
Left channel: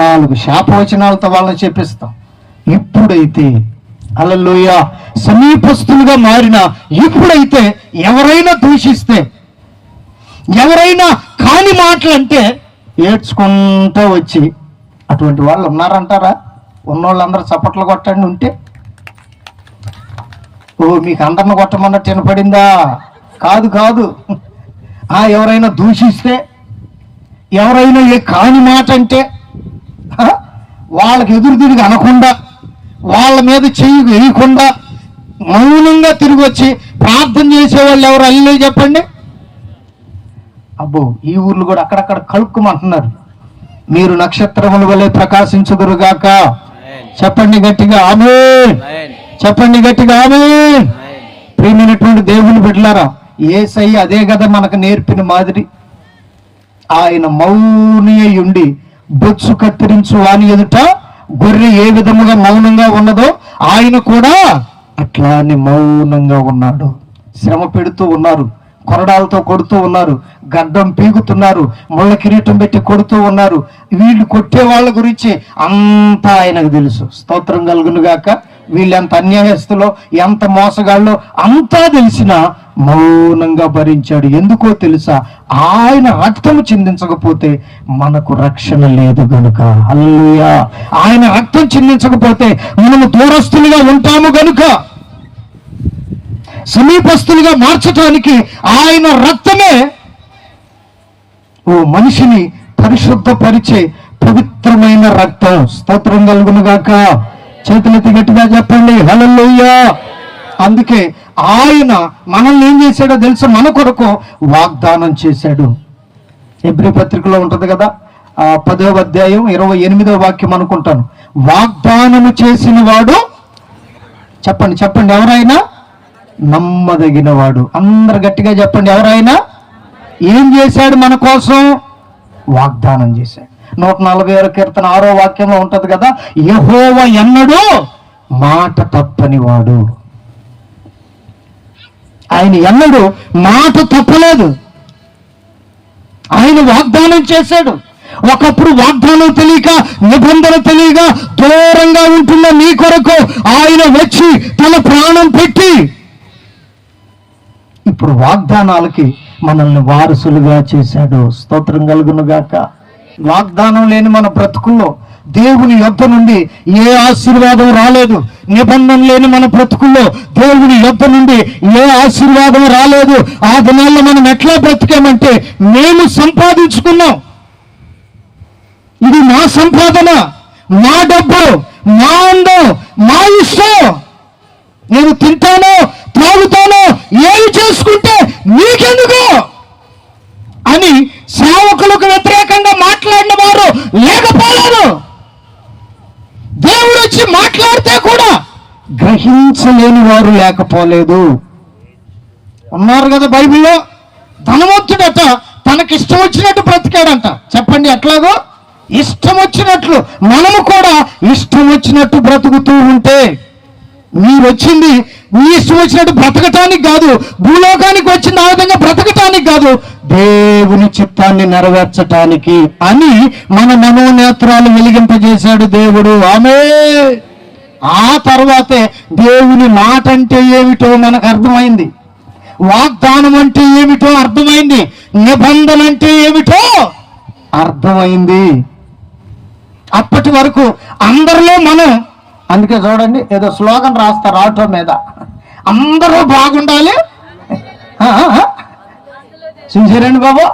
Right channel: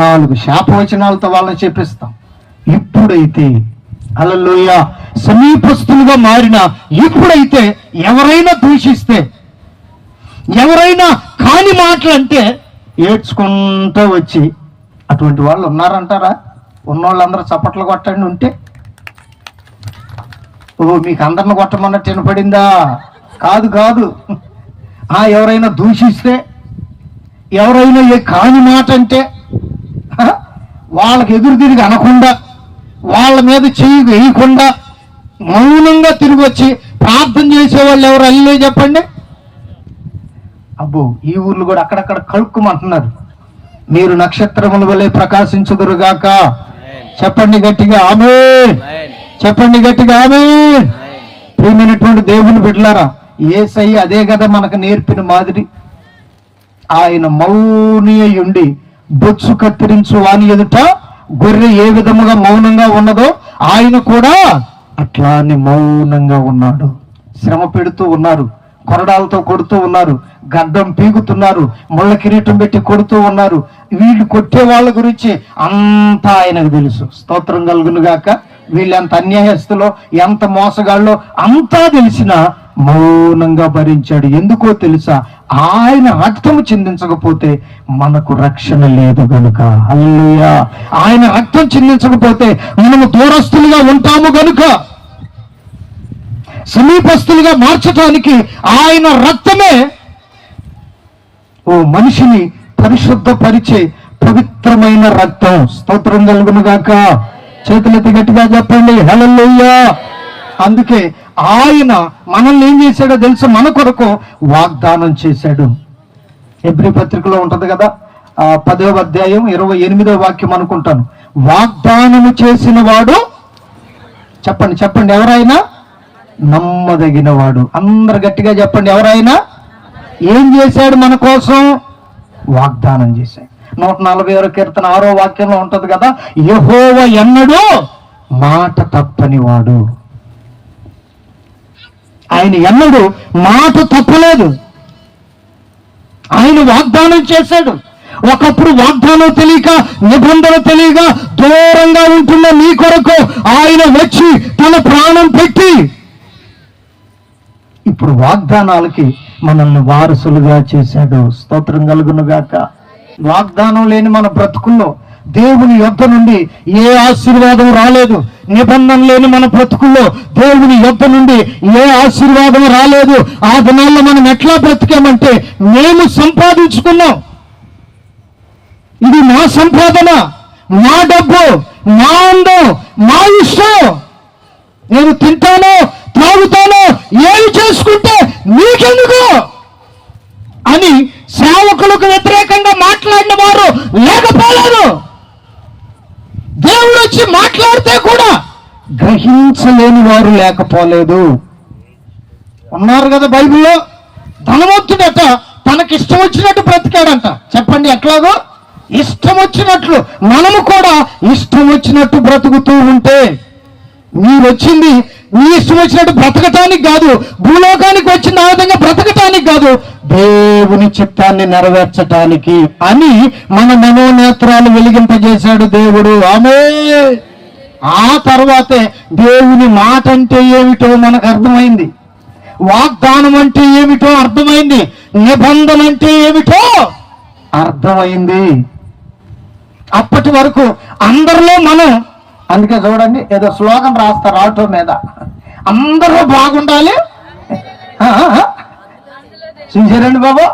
4 శాపవచనాలతో వాళ్ళని చెప్పిస్తాం. ఇప్పుడైతే హల్లెలూయా సమీపస్తులుగా మారిన ఇప్పుడైతే ఎవరైనా దూషిస్తే, ఎవరైనా కాని మాటలు అంటే ఏడ్చుకుంటూ వచ్చి, అటువంటి వాళ్ళు ఉన్నారంటారా? ఉన్నోళ్ళందరూ చప్పట్లు కొట్టండి. ఉంటే ఓ మీకు అందరిని కొట్టమన్నట్టు వినపడిందా? కాదు. ఎవరైనా దూషిస్తే, ఎవరైనా ఏ కాని మాట అంటే వాళ్ళకి ఎదురు తిరిగి అనకుండా, వాళ్ళ మీద చెయ్యి వేయకుండా మౌనంగా తిరిగి వచ్చి ప్రార్థన చేసేవాళ్ళు ఎవరు? అల్లే చెప్పండి. అబ్బో ఈ ఊర్లు కూడా అక్కడక్కడ కలుక్కుమంటున్నారు. మీరు నక్షత్రముల వలె ప్రకాశించుదురుగాక. చెప్పండి గట్టిగా ఆమేన్. చెప్పండి గట్టిగా ఆమేన్. ప్రియమైనటువంటి దేవుని బిడ్డలారా, యేసయ్య అదే కదా మనకు నేర్పిన మాదిరి. ఆయన మౌని ఉండి బొచ్చు కత్తిరించు వాని ఎదుట గొర్రె ఏ విధముగా మౌనంగా ఉన్నదో ఆయన కూడా అట్లానే మౌనంగా ఉన్నాడు. శ్రమ పెడుతూ ఉన్నారు, కొరడాలతో కొడుతూ ఉన్నారు, గడ్డం పీగుతున్నారు, ముళ్ళ కిరీటం పెట్టి కొడుతూ ఉన్నారు. వీళ్ళు కొట్టే వాళ్ళ గురించి అంతా ఆయనకు తెలుసు. స్తోత్రం కలుగును గాక. వీళ్ళు ఎంత అన్యాయస్తులో, ఎంత మోసగాళ్ళో అంతా తెలిసిన మౌనంగా భరించాడు. ఎందుకో తెలుసా? ఆయన రక్తము చిందించకపోతే మనకు రక్షణ లేదు గనుక. హల్లెలూయా. ఆయన రక్తం చిందించకపోతే మనము దూరస్తులుగా ఉంటాము గనుక, సమీపస్తులుగా మార్చడానికి ఆయన రక్తమే ఓ మనిషిని పరిశుద్ధపరిచే పవిత్రమైన రక్తం. స్తోత్రం కలుగును గాక. చేతులెత్తి గట్టిగా చెప్పండి హల్లెలూయా. అందుకే ఆయన మనల్ని ఏం చేశాడో తెలుసు? మన కొరకు వాగ్దానం చేశాడు. హెబ్రీ పత్రికలో ఉంటది కదా, 10వ అధ్యాయం 28వ వాక్యం అనుకుంటాను. వాగ్దానము చేసిన వాడు, చెప్పండి ఎవరైనా నమ్మదగిన వాడు. అందరు గట్టిగా చెప్పండి. ఎవరైనా ఏం చేశాడు? మన కోసం వాగ్దానం చేశాడు. 146వ కీర్తన 6వ వాక్యంలో ఉంటది కదా, యెహోవా ఎన్నడూ మాట తప్పని వాడు. ఆయన ఎన్నడూ మాట తప్పలేదు. ఆయన వాగ్దానం చేశాడు. ఒకప్పుడు వాగ్దానం తెలియక, నిబంధన తెలియక దూరంగా ఉంటున్న నీ కొరకు ఆయన వచ్చి తన ప్రాణం పెట్టి ఇప్పుడు వాగ్దానాలకి మనల్ని వారసులుగా చేశాడు. స్తోత్రం కలుగును గాక. వాగ్దానం లేని మన బ్రతుకుల్లో దేవుని యొద్ద నుండి ఏ ఆశీర్వాదం రాలేదు. నిబంధన లేని మన బ్రతుకుల్లో దేవుని యొద్ద నుండి ఏ ఆశీర్వాదం రాలేదు. ఆ దినాల్లో మనం ఎట్లా బ్రతికామంటే, నేను సంపాదించుకున్నాం, ఇది నా సంపాదన, నా డబ్బు, నా అందం, నా ఇష్టం, నేను తింటానో త్రాగుతానో ఏమి చేసుకుంటే నీకెందుకు అని సేవకులకు వ్యతిరేకంగా మాట్లాడిన వారు లేకపోయారు. దేవుడు వచ్చి మాట్లాడితే కూడా గ్రహించలేని వారు లేకపోలేదు. ఉన్నారు కదా బైబిల్లో. ధనవంతుడట తనకిష్టం వచ్చినట్టు బ్రతికాడంట. చెప్పండి ఎట్లాగో? ఇష్టం వచ్చినట్లు. మనము కూడా ఇష్టం వచ్చినట్టు బ్రతుకుతూ ఉంటే, మీరు వచ్చింది నీ ఇష్టం వచ్చినట్టు బ్రతకటానికి కాదు, భూలోకానికి వచ్చిన ఆ విధంగా బ్రతకటానికి కాదు, దేవుని చిత్తాన్ని నెరవేర్చటానికి అని మన మనోనేత్రాలు వెలిగింపజేశాడు దేవుడు. ఆమె ఆ తర్వాతే దేవుని మాట అంటే ఏమిటో మనకు అర్థమైంది, వాగ్దానం అంటే ఏమిటో అర్థమైంది, నిబంధన అంటే ఏమిటో అర్థమైంది. అప్పటి వరకు అందరిలో మనం, అందుకే చూడండి ఏదో స్లోగన్ రాస్తారు ఆటో మీద, అందరూ బాగుండాలి. చూసారండి బాబు,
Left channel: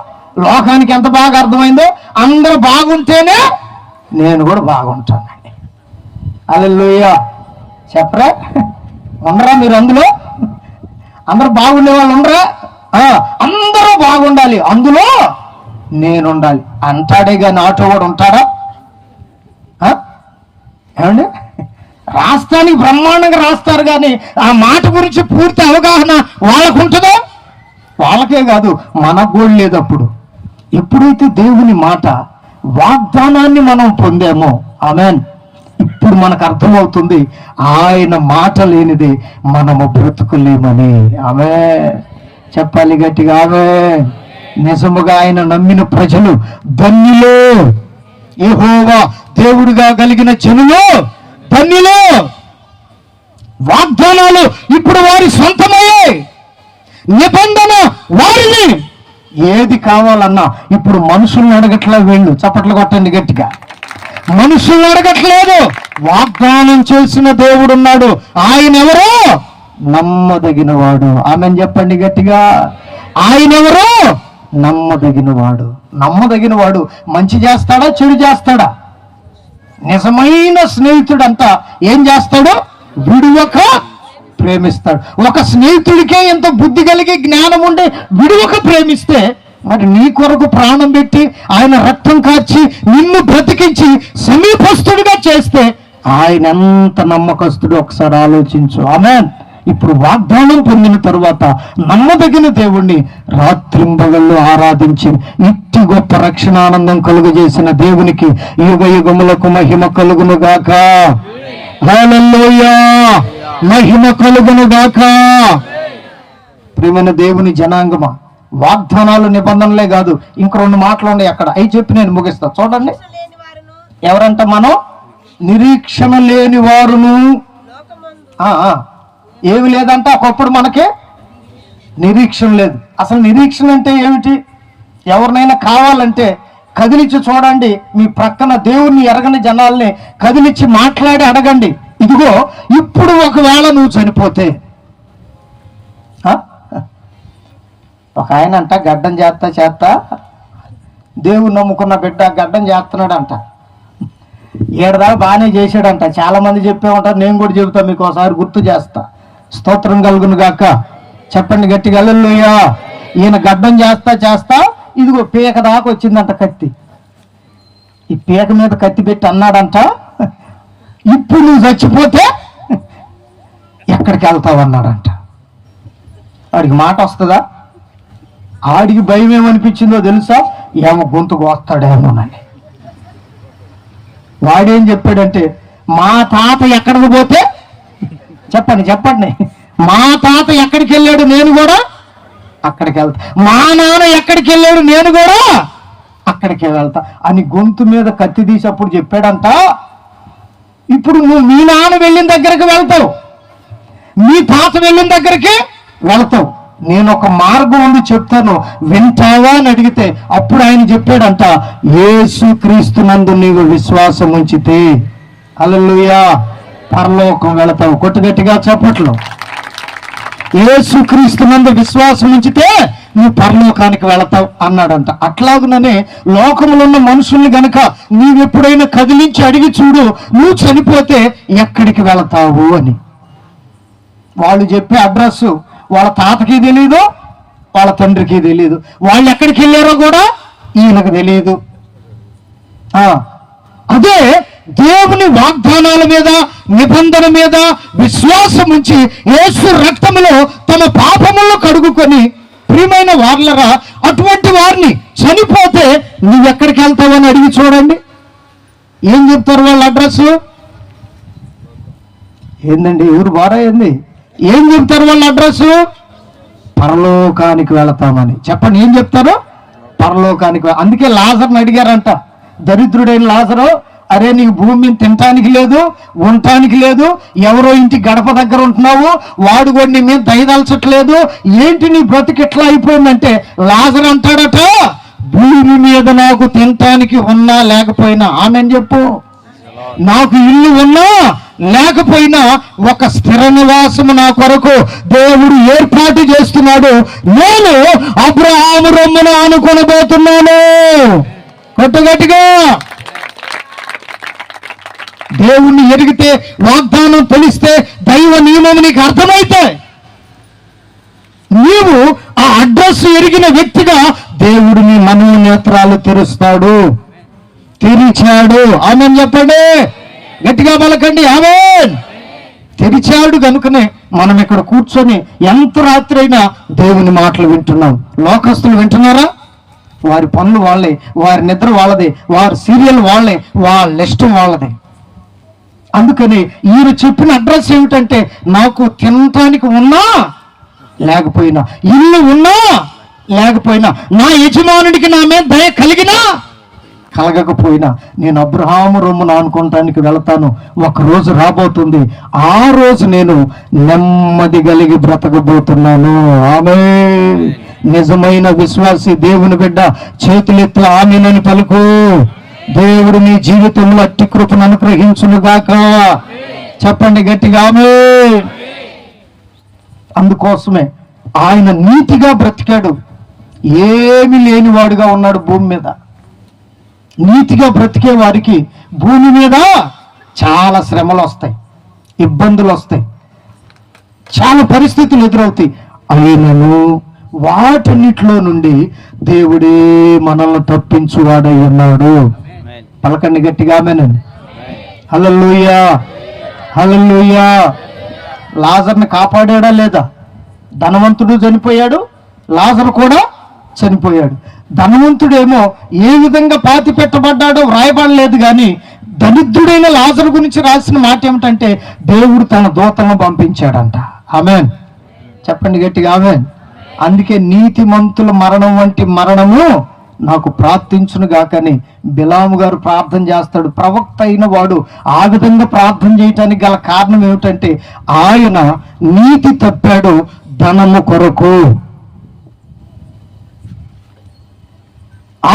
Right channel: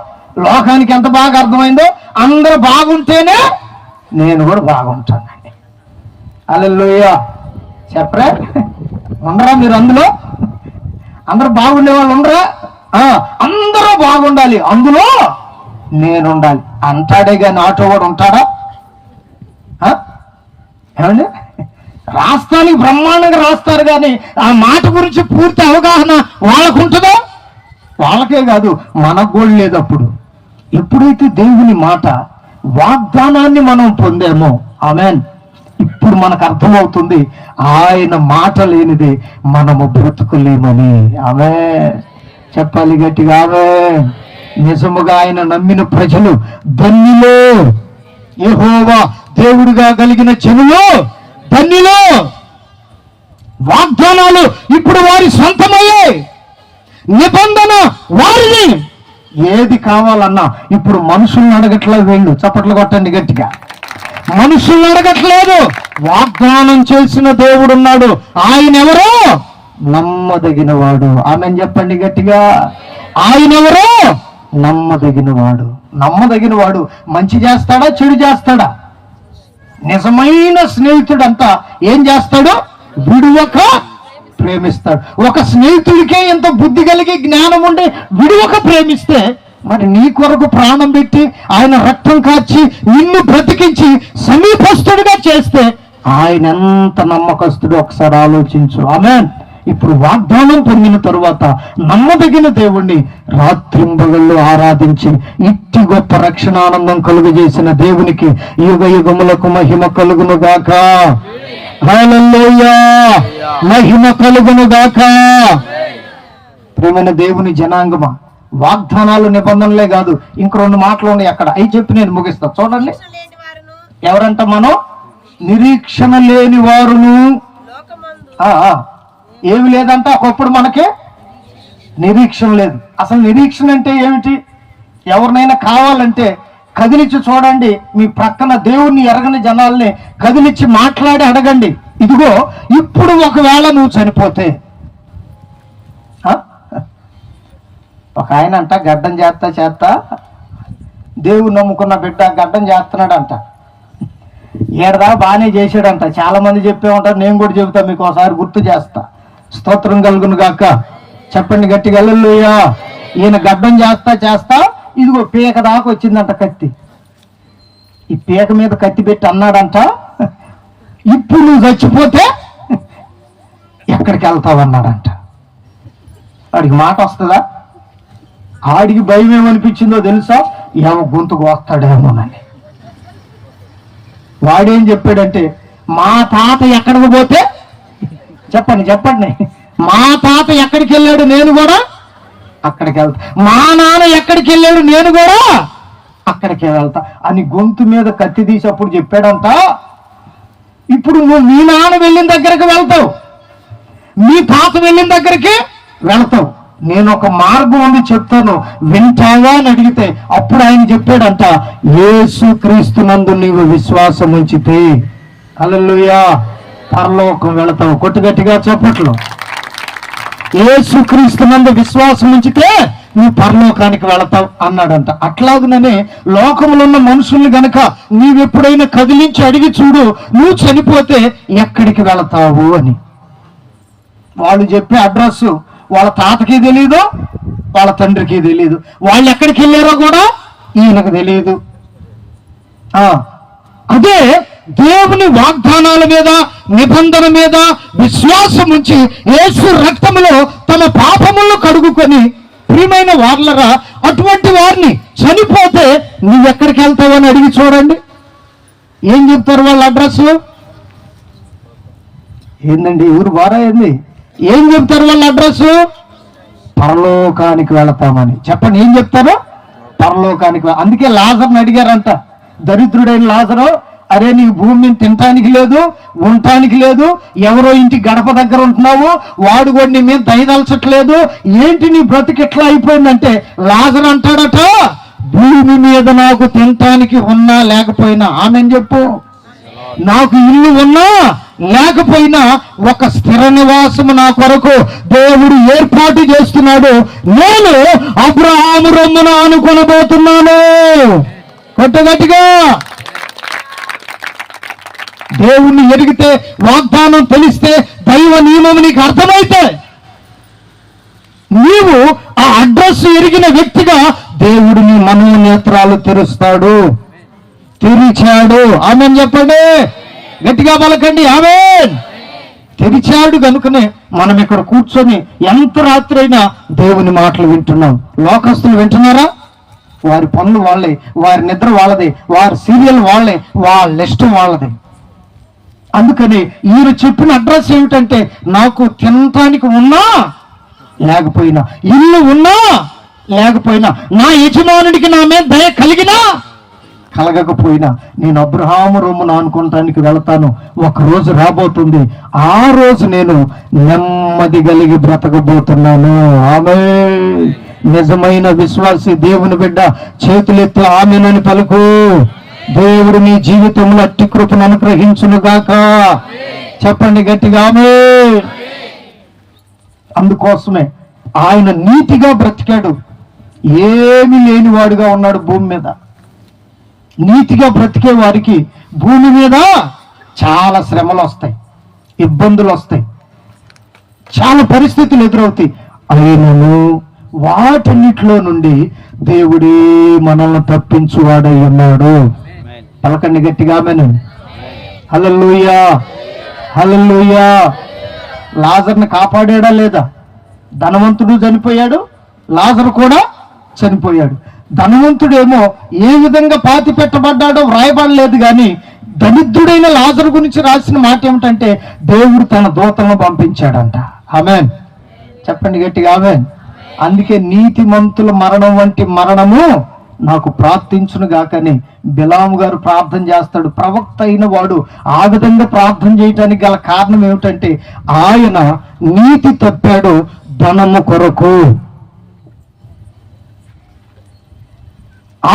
లోకానికి ఎంత బాగా అర్థమైందో. అందరూ బాగుంటేనే నేను కూడా బాగుంటానండి. హల్లెలూయా. చెప్పరా? ఉండరా మీరు అందులో? అందరూ బాగుండే వాళ్ళు ఉండరా? అందరూ బాగుండాలి, అందులో నేను ఉండాలి అంటాడే కానీ ఆటో వాడు ఉంటాడా? ఏమండి? రాష్ట్రానికి బ్రహ్మాండంగా రాస్తారు కానీ ఆ మాట గురించి పూర్తి అవగాహన వాళ్ళకు ఉంటుందో? వాళ్ళకే కాదు, మనకు కూడా లేదు. అప్పుడు ఎప్పుడైతే దేవుని మాట వాగ్దానాన్ని మనం పొందామో, ఆమేన్, ఇప్పుడు మనకు అర్థమవుతుంది ఆయన మాట లేనిదే మనము బ్రతుకులేమని. ఆమె చెప్పాలి గట్టిగా. ఆమె నిజముగా ఆయన నమ్మిన ప్రజలు ధన్యులు. యెహోవా దేవుడిగా కలిగిన జనులు ధన్యులు. వాగ్దానాలు ఇప్పుడు వారి సొంతమయ్యాయి, నిబంధన వారిని. ఏది కావాలన్నా ఇప్పుడు మనుషుల్ని అడగట్లా వీళ్ళు. చప్పట్లు కొట్టండి గట్టిగా. మనుషుల్ని అడగట్లేదు, వాగ్దానం చేసిన దేవుడు ఉన్నాడు. ఆయన ఎవరో? నమ్మదగిన వాడు. ఆమెన్ చెప్పండి గట్టిగా. ఆయన ఎవరో? నమ్మదగిన వాడు. నమ్మదగిన వాడు మంచి చేస్తాడా చెడు చేస్తాడా? నిజమైన స్నేహితుడంతా ఏం చేస్తాడు? విడువక ప్రేమిస్తాడు. ఒక స్నేహితుడికే ఎంత బుద్ధి కలిగి జ్ఞానం ఉండి విడువక ప్రేమిస్తే, మరి నీ కొరకు ప్రాణం పెట్టి ఆయన రక్తం కార్చి నిన్ను బ్రతికించి సమీపస్తుడిగా చేస్తే ఆయన ఎంత నమ్మకస్తుడు ఒకసారి ఆలోచించు. ఆమేన్. ఇప్పుడు వాగ్దానం పొందిన తరువాత నమ్మదగిన దేవుణ్ణి రాత్రింబగళ్ళు ఆరాధించి ఇట్టి గొప్ప రక్షణానందం కలుగజేసిన దేవునికి యుగ యుగములకు మహిమ కలుగును గాక. హల్లెలూయా. మహిమ కలుగును గాక. ప్రియమైన దేవుని జనాంగమా, వాగ్దానాలు నిబంధనలే కాదు, ఇంక రెండు మాటలు ఉన్నాయి అక్కడ, అవి చెప్పి నేను ముగిస్తా. చూడండి, ఎవరంట? మనం నిరీక్షణ లేని వారును. ఏమి లేదంట ఒకప్పుడు మనకి నిరీక్షణ లేదు. అసలు నిరీక్షణ అంటే ఏమిటి? ఎవరినైనా కావాలంటే కదిలిచ్చి చూడండి, మీ ప్రక్కన దేవుణ్ణి ఎరగని జనాల్ని కదిలిచ్చి మాట్లాడి అడగండి, ఇదిగో ఇప్పుడు ఒకవేళ నువ్వు చనిపోతే. ఒక ఆయన అంట గడ్డం చేస్తా దేవుడు నమ్ముకున్న బిడ్డ గడ్డం చేస్తున్నాడంట. ఏడదా బాగానే చేశాడంట. చాలా మంది చెప్పే ఉంటారు, నేను కూడా చెబుతా, మీకు ఒకసారి గుర్తు చేస్తా. స్తోత్రం కలుగును గాక. చెప్పండి గట్టిగా హల్లెలూయా. ఈయన గడ్డం చేస్తా ఇదిగో పీక దాకా వచ్చిందంట కత్తి. ఈ పీక మీద కత్తి పెట్టి అన్నాడంట, ఇప్పుడు నువ్వు చచ్చిపోతే ఎక్కడికి వెళ్తావు అన్నాడంట. వాడికి మాట వస్తుందా? ఆడికి భయం ఏమనిపించిందో తెలుసా? ఏమో గొంతుకు వస్తాడేమోనని. వాడేం చెప్పాడంటే, మా తాత ఎక్కడికి పోతే, చెప్పండి, మా తాత ఎక్కడికి వెళ్ళాడు నేను కూడా అక్కడికి వెళ్తా, మా నాన్న ఎక్కడికి వెళ్ళాడు నేను కూడా అక్కడికి వెళ్తా అని గొంతు మీద కత్తి తీసి అప్పుడు చెప్పాడంట. ఇప్పుడు నువ్వు మీ నాన్న వెళ్ళిన దగ్గరికి వెళ్తావు, మీ తాత వెళ్ళిన దగ్గరికి వెళ్తావు, నేను ఒక మార్గం ఉంది చెప్తాను, వింటావా అని అడిగితే అప్పుడు ఆయన చెప్పాడంట, యేసుక్రీస్తునందు నీవు విశ్వాసం ఉంచితే హల్లెలూయా పరలోకం వెళతావు. కొట్టు గట్టిగా చెప్పట్లు. యేసుక్రీస్తునందు విశ్వాసం ఉంచితే నువ్వు పరలోకానికి వెళతావు అన్నాడంట. అట్లాగుననే లోకంలో ఉన్న మనుషుల్ని గనక నీవెప్పుడైనా కదిలించి అడిగి చూడు, నువ్వు చనిపోతే ఎక్కడికి వెళతావు అని. వాళ్ళు చెప్పే అడ్రస్ వాళ్ళ తాతకి తెలియదు, వాళ్ళ తండ్రికి తెలియదు, వాళ్ళు ఎక్కడికి వెళ్ళారో కూడా ఈయనకు తెలియదు. అదే దేవుని వాగ్దానాల మీద, నిబంధన మీద విశ్వాసం ఉంచి యేసు రక్తములో తమ పాపములను కడుగుకొని, ప్రియమైన వార్లరా, అటువంటి వారిని చనిపోతే నువ్వెక్కడికి వెళ్తావని అడిగి చూడండి. ఏం చెప్తారు వాళ్ళ అడ్రస్? ఏందండి ఊరు బారా ఏంది? ఏం చెప్తారు వాళ్ళ అడ్రస్? పరలోకానికి వెళతామని. చెప్పండి, ఏం చెప్తారు? పరలోకానికి. అందుకే లాజర్ని అడిగారంట, దరిద్రుడైన లాజరు, అరే నీకు భూమి మీద తినటానికి లేదు, ఉండటానికి లేదు, ఎవరో ఇంటి గడప దగ్గర ఉంటున్నావు, వాడు కూడా నీ మీద దయదలచట్లేదు, ఏంటి నీ బ్రతికి ఎట్లా అయిపోయిందంటే లాజర్ అంటాడట, భూమి మీద నాకు తినటానికి ఉన్నా లేకపోయినా, ఆమెన్ చెప్పు, నాకు ఇల్లు ఉన్నా లేకపోయినా ఒక స్థిర నివాసము నా కొరకు దేవుడు ఏర్పాటు చేస్తున్నాడు, నేను అబ్రహాము రొమ్మున ఆనుకొనబోతున్నాను. గట్టిగా దేవుణ్ణి ఎరిగితే, వాగ్దానం తెలిస్తే, దైవ నియమం నీకు అర్థమైతే, నీవు ఆ అడ్రస్ ఎరిగిన వ్యక్తిగా దేవుడు నీ మనోనేత్రాలు తెరుస్తాడు. తెరిచాడు. ఆమెన్ చెప్పండి, గట్టిగా పలకండి ఆమెన్. తెరిచాడు కనుకనే మనం ఇక్కడ కూర్చొని ఎంత రాత్రి అయినా దేవుని మాటలు వింటున్నాం. లోకస్తులు వింటున్నారా? వారి పనులు వాళ్ళే, వారి నిద్ర వాళ్ళదే, వారి సీరియల్ వాళ్ళే, వాళ్ళ ఇష్టం వాళ్ళదే. అందుకని ఈయన చెప్పిన అడ్రస్ ఏమిటంటే, నాకు తినటానికి ఉన్నా లేకపోయినా, ఇల్లు ఉన్నా లేకపోయినా, నా యజమానుడికి నా మీద దయ కలిగినా కలగకపోయినా, నేను అబ్రహాము రొమ్మున ఆనుకోవటానికి వెళతాను. ఒక రోజు రాబోతుంది, ఆ రోజు నేను నెమ్మది కలిగి బ్రతకబోతున్నాను. ఆమేన్. నిజమైన విశ్వాసి దేవుని బిడ్డ చేతులెత్తి ఆమేనని పలుకు. దేవుడు నీ జీవితంలో అట్టి కృపను అనుగ్రహించునుగాక. చెప్పండి గట్టిగా ఆమేన్. అందుకోసమే ఆయన నీతిగా బ్రతికాడు, ఏమీ లేనివాడుగా ఉన్నాడు భూమి మీద. నీతిగా బ్రతికే వారికి భూమి మీద చాలా శ్రమలు వస్తాయి, ఇబ్బందులు వస్తాయి, చాలా పరిస్థితులు ఎదురవుతాయి. అయినను వాటన్నిటిలో నుండి దేవుడే మనల్ని తప్పించువాడై ఉన్నాడు. పలకండి గట్టిగా ఆమేన్. హల్లెలూయా, హల్లెలూయా. లాజర్ని కాపాడాడా లేదా? ధనవంతుడు చనిపోయాడు, లాజరు కూడా చనిపోయాడు. ధనవంతుడేమో ఏ విధంగా పాతి పెట్టబడ్డాడో వ్రాయబడలేదు, కానీ దరిద్రుడైన లాజరు గురించి రాసిన మాట ఏమిటంటే, దేవుడు తన దూతను పంపించాడంట. ఆమేన్. చెప్పండి గట్టిగా ఆమేన్. అందుకే నీతిమంతుల మరణం వంటి మరణము నాకు ప్రార్థించును గాకని బిలాము గారు ప్రార్థన చేస్తాడు. ప్రవక్త అయిన వాడు ఆ విధంగా ప్రార్థన చేయటానికి గల కారణం ఏమిటంటే, ఆయన నీతి తప్పాడు ధనము కొరకు.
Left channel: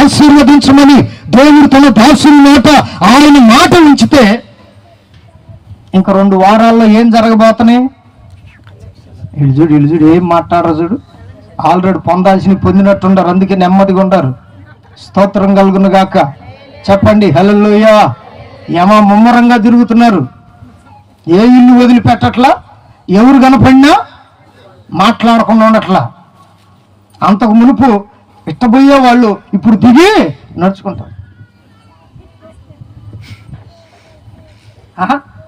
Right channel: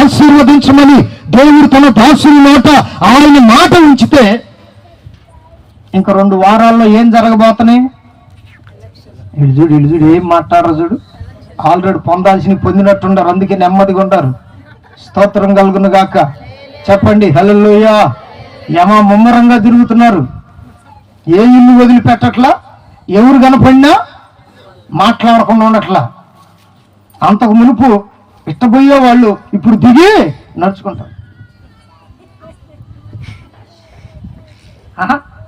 ఆశీర్వదించమని దేవుడు తన దాసుని నోట ఆయన మాట ఉంచితే, ఇంక 2 వారాల్లో ఏం జరగబోతున్నాయి? ఇల్జుడు ఏం మాట్లాడరు చూడు. ఆల్రెడీ పొందాల్సిన పొందినట్టుండారు, అందుకే నెమ్మదిగా ఉండారు. స్తోత్రం కలుగును గాక. చెప్పండి హల్లెలూయా. ముమ్మరంగా తిరుగుతున్నారు, ఏ ఇల్లు వదిలిపెట్టట్లా, ఎవరు కనపడినా మాట్లాడకుండా ఉండట్లా. అంతకు మునుపు ఇష్టపోయే వాళ్ళు ఇప్పుడు దిగి నడుచుకుంటారు.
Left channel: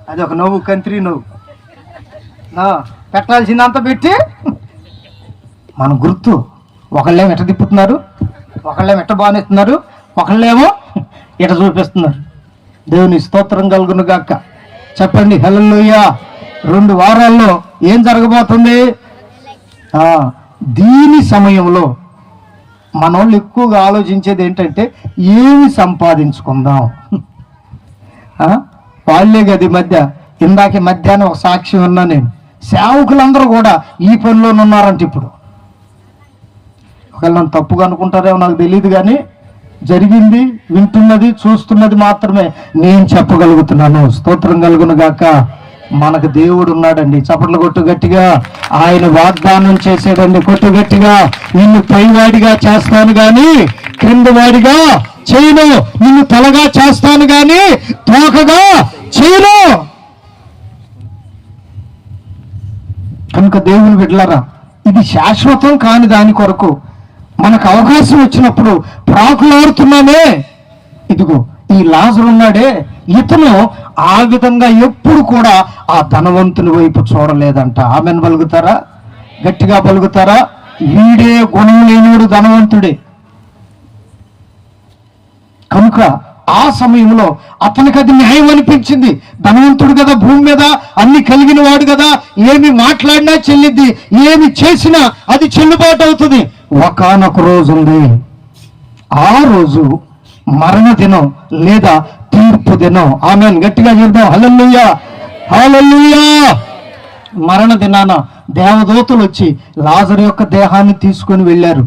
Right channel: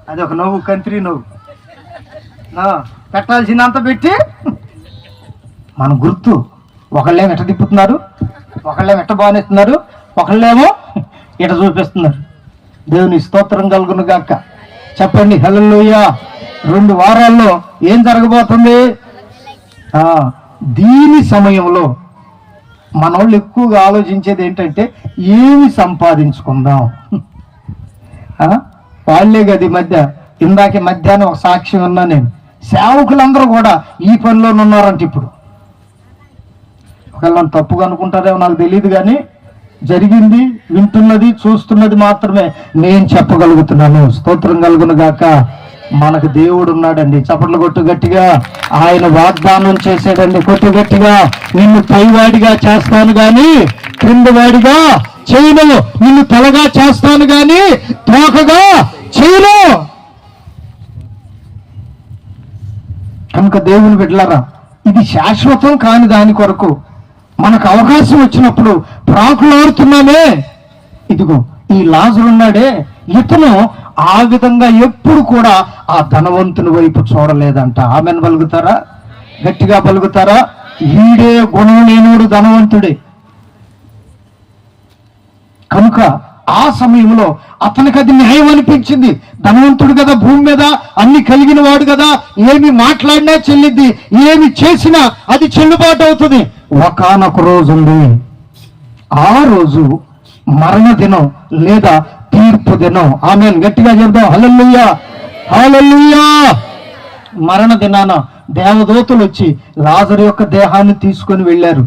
అది ఒక నవ్వు, కంత్రి నవ్వు. పెట్టాల్సిందంత పెట్టి మన గుర్తు. ఒకళ్ళేమో ఎట్ట తిప్పుతున్నారు, ఒకళ్ళేమో ఎట్ట బానేస్తున్నారు, ఒకళ్ళేమో ఇట చూపిస్తున్నారు. దేవుని స్తోత్రం కలుగును గాక. చెప్పండి హల్లెలూయా. 2 వారాల్లో ఏం జరగబోతుంది? దీని సమయంలో మనోళ్ళు ఎక్కువగా ఆలోచించేది ఏంటంటే, ఏమి సంపాదించుకుందాం. వాళ్ళే గది మధ్య ఇందాక మధ్యాహ్నం ఒక సాక్ష్యం ఉన్నా నేను, సేవకులందరూ కూడా ఈ పనిలోనే ఉన్నారంట. ఇప్పుడు ఒకవేళ నన్ను తప్పుగా అనుకుంటారేమో నాకు తెలియదు, కానీ జరిగింది, వింటున్నది, చూస్తున్నది మాత్రమే నేను చెప్పగలుగుతున్నాను. స్తోత్రం కలుగును గాక. మనకు దేవుడు ఉన్నాడండి. చప్పట్లు కొట్టు గట్టిగా. ఆయన వాగ్దానం చేశాడండి. కొట్టు గట్టిగా. నిన్ను పైవాడిగా చేస్తాను గాని క్రిందవాడిగా చేయను, నిన్ను తలగా చేస్తాను గాని తోకగా చేయను. కనుక దేవుని బిడ్డలారా, ఇది శాశ్వతం కాని దాని కొరకు మనకు అవకాశం వచ్చినప్పుడు ప్రాకులాడుతున్నామే. ఇదిగో ఈ లాజరు ఉన్నాడే, ఇతను ఆ విధంగా ఎప్పుడు కూడా ఆ ధనవంతుని వైపు చూడలేదంట. ఆమెను పలుకుతారా? గట్టిగా పలుకుతారా? వీడే గుణం లేనివాడు ధనవంతుడే. కనుక ఆ సమయంలో అతనికి అది న్యాయం అనిపించింది. ధనవంతుడు కదా, భూమి మీద అన్ని కలిగిన వాడు కదా, ఏమి మాట్లాడినా చెల్లిద్ది, ఏమి చేసినా అది చెల్లుబాటు అవుతుంది. ఒకానొక రోజు ఉంది, ఆ రోజు మరణ దినం లేదా తీర్పు దినం. ఆమేన్. గట్టిగా చెప్దాం. హల్లెలూయా, హల్లెలూయా. మరణ దినాన దేవదూతలు వచ్చి లాజరు యొక్క దేహాన్ని తీసుకొని వెళ్ళారు,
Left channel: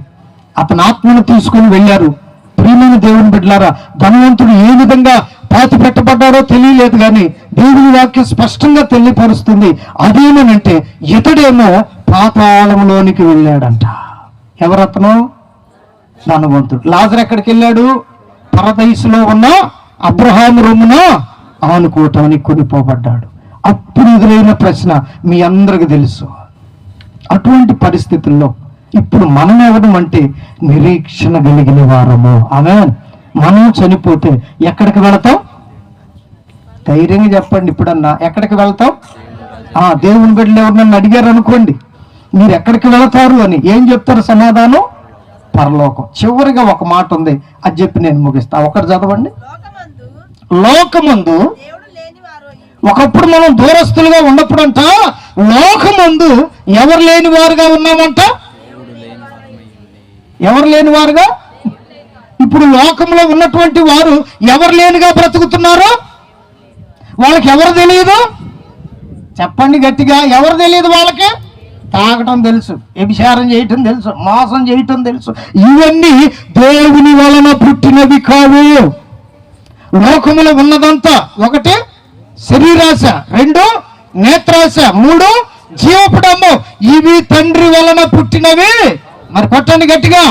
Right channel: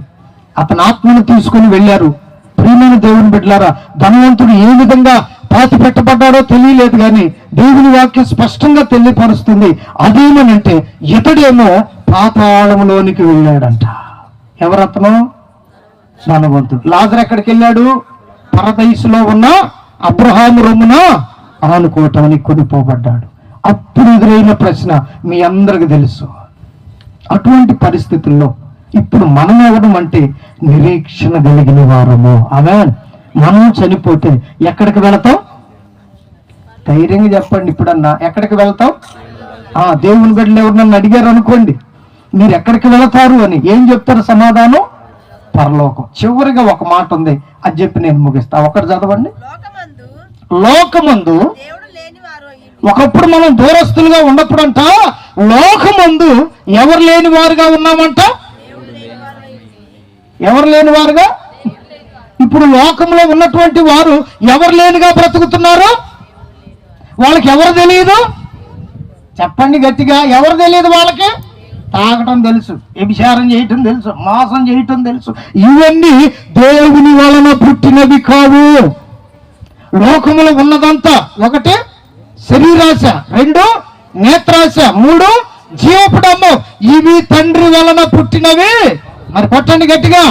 అతని ఆత్మను తీసుకొని వెళ్ళారు. ప్రియమైన దేవుని బిడ్డలారా, ధనవంతుడు ఏ విధంగా పాతి పెట్టబడ్డారో తెలియలేదు, కానీ దేవుని వాక్యం స్పష్టంగా తెలియపరుస్తుంది. అదేమనంటే ఇతడేమో పాతాళంలోనికి వెళ్ళాడంట. ఎవరతను? ధనవంతుడు. లాజరు ఎక్కడికి వెళ్ళాడు? పరదైసులో ఉన్న అబ్రహాము రొమ్మున ఆనుకోవటానికి కొనిపోబడ్డాడు. అప్పుడు ఎదురైన ప్రశ్న మీ అందరికి తెలుసు. అటువంటి పరిస్థితుల్లో ఇప్పుడు మనం ఎవడం అంటే నిరీక్షణ కలిగిన వారము. ఆమేన్. మనం చనిపోతే ఎక్కడికి వెళతాం? ధైర్యంగా చెప్పండి. ఇప్పుడన్నా ఎక్కడికి వెళ్తాం? దేవుని బిడ్డలు ఎవరు అడిగారు అనుకోండి, మీరు ఎక్కడికి వెళతారు అని, ఏం చెప్తారు సమాధానం? పరలోకం. చివరిగా ఒక మాట ఉంది, అది చెప్పి నేను ముగిస్తా. ఒకటి చదవండి. లోకమందు ఒకప్పుడు మనం దూరస్తులుగా ఉన్నప్పుడంట లోకమందు ఎవరు లేని వారుగా ఉన్నామంట. ఎవరు లేని వారుగా? ఇప్పుడు లోకంలో ఉన్నటువంటి వారు ఎవరు లేనిగా బ్రతుకుతున్నారు. వాళ్ళకి ఎవరు తెలియదు? చెప్పండి గట్టిగా. ఎవరు తెలియదు వాళ్ళకి? తాగటం తెలుసు, వ్యభిచారం చేయటం తెలుసు, మోసం చేయటం తెలుసు. ఇవన్నీ దేవుని వలన పుట్టినవి కావు. లోకములో ఉన్నదంతా ఒకటి శరీరాశ, రెండు నేత్రాశ, మూడు జీవపుడమ్ము. ఇవి తండ్రి వలన పుట్టినవి. మరి కొట్టండి గట్టిగా.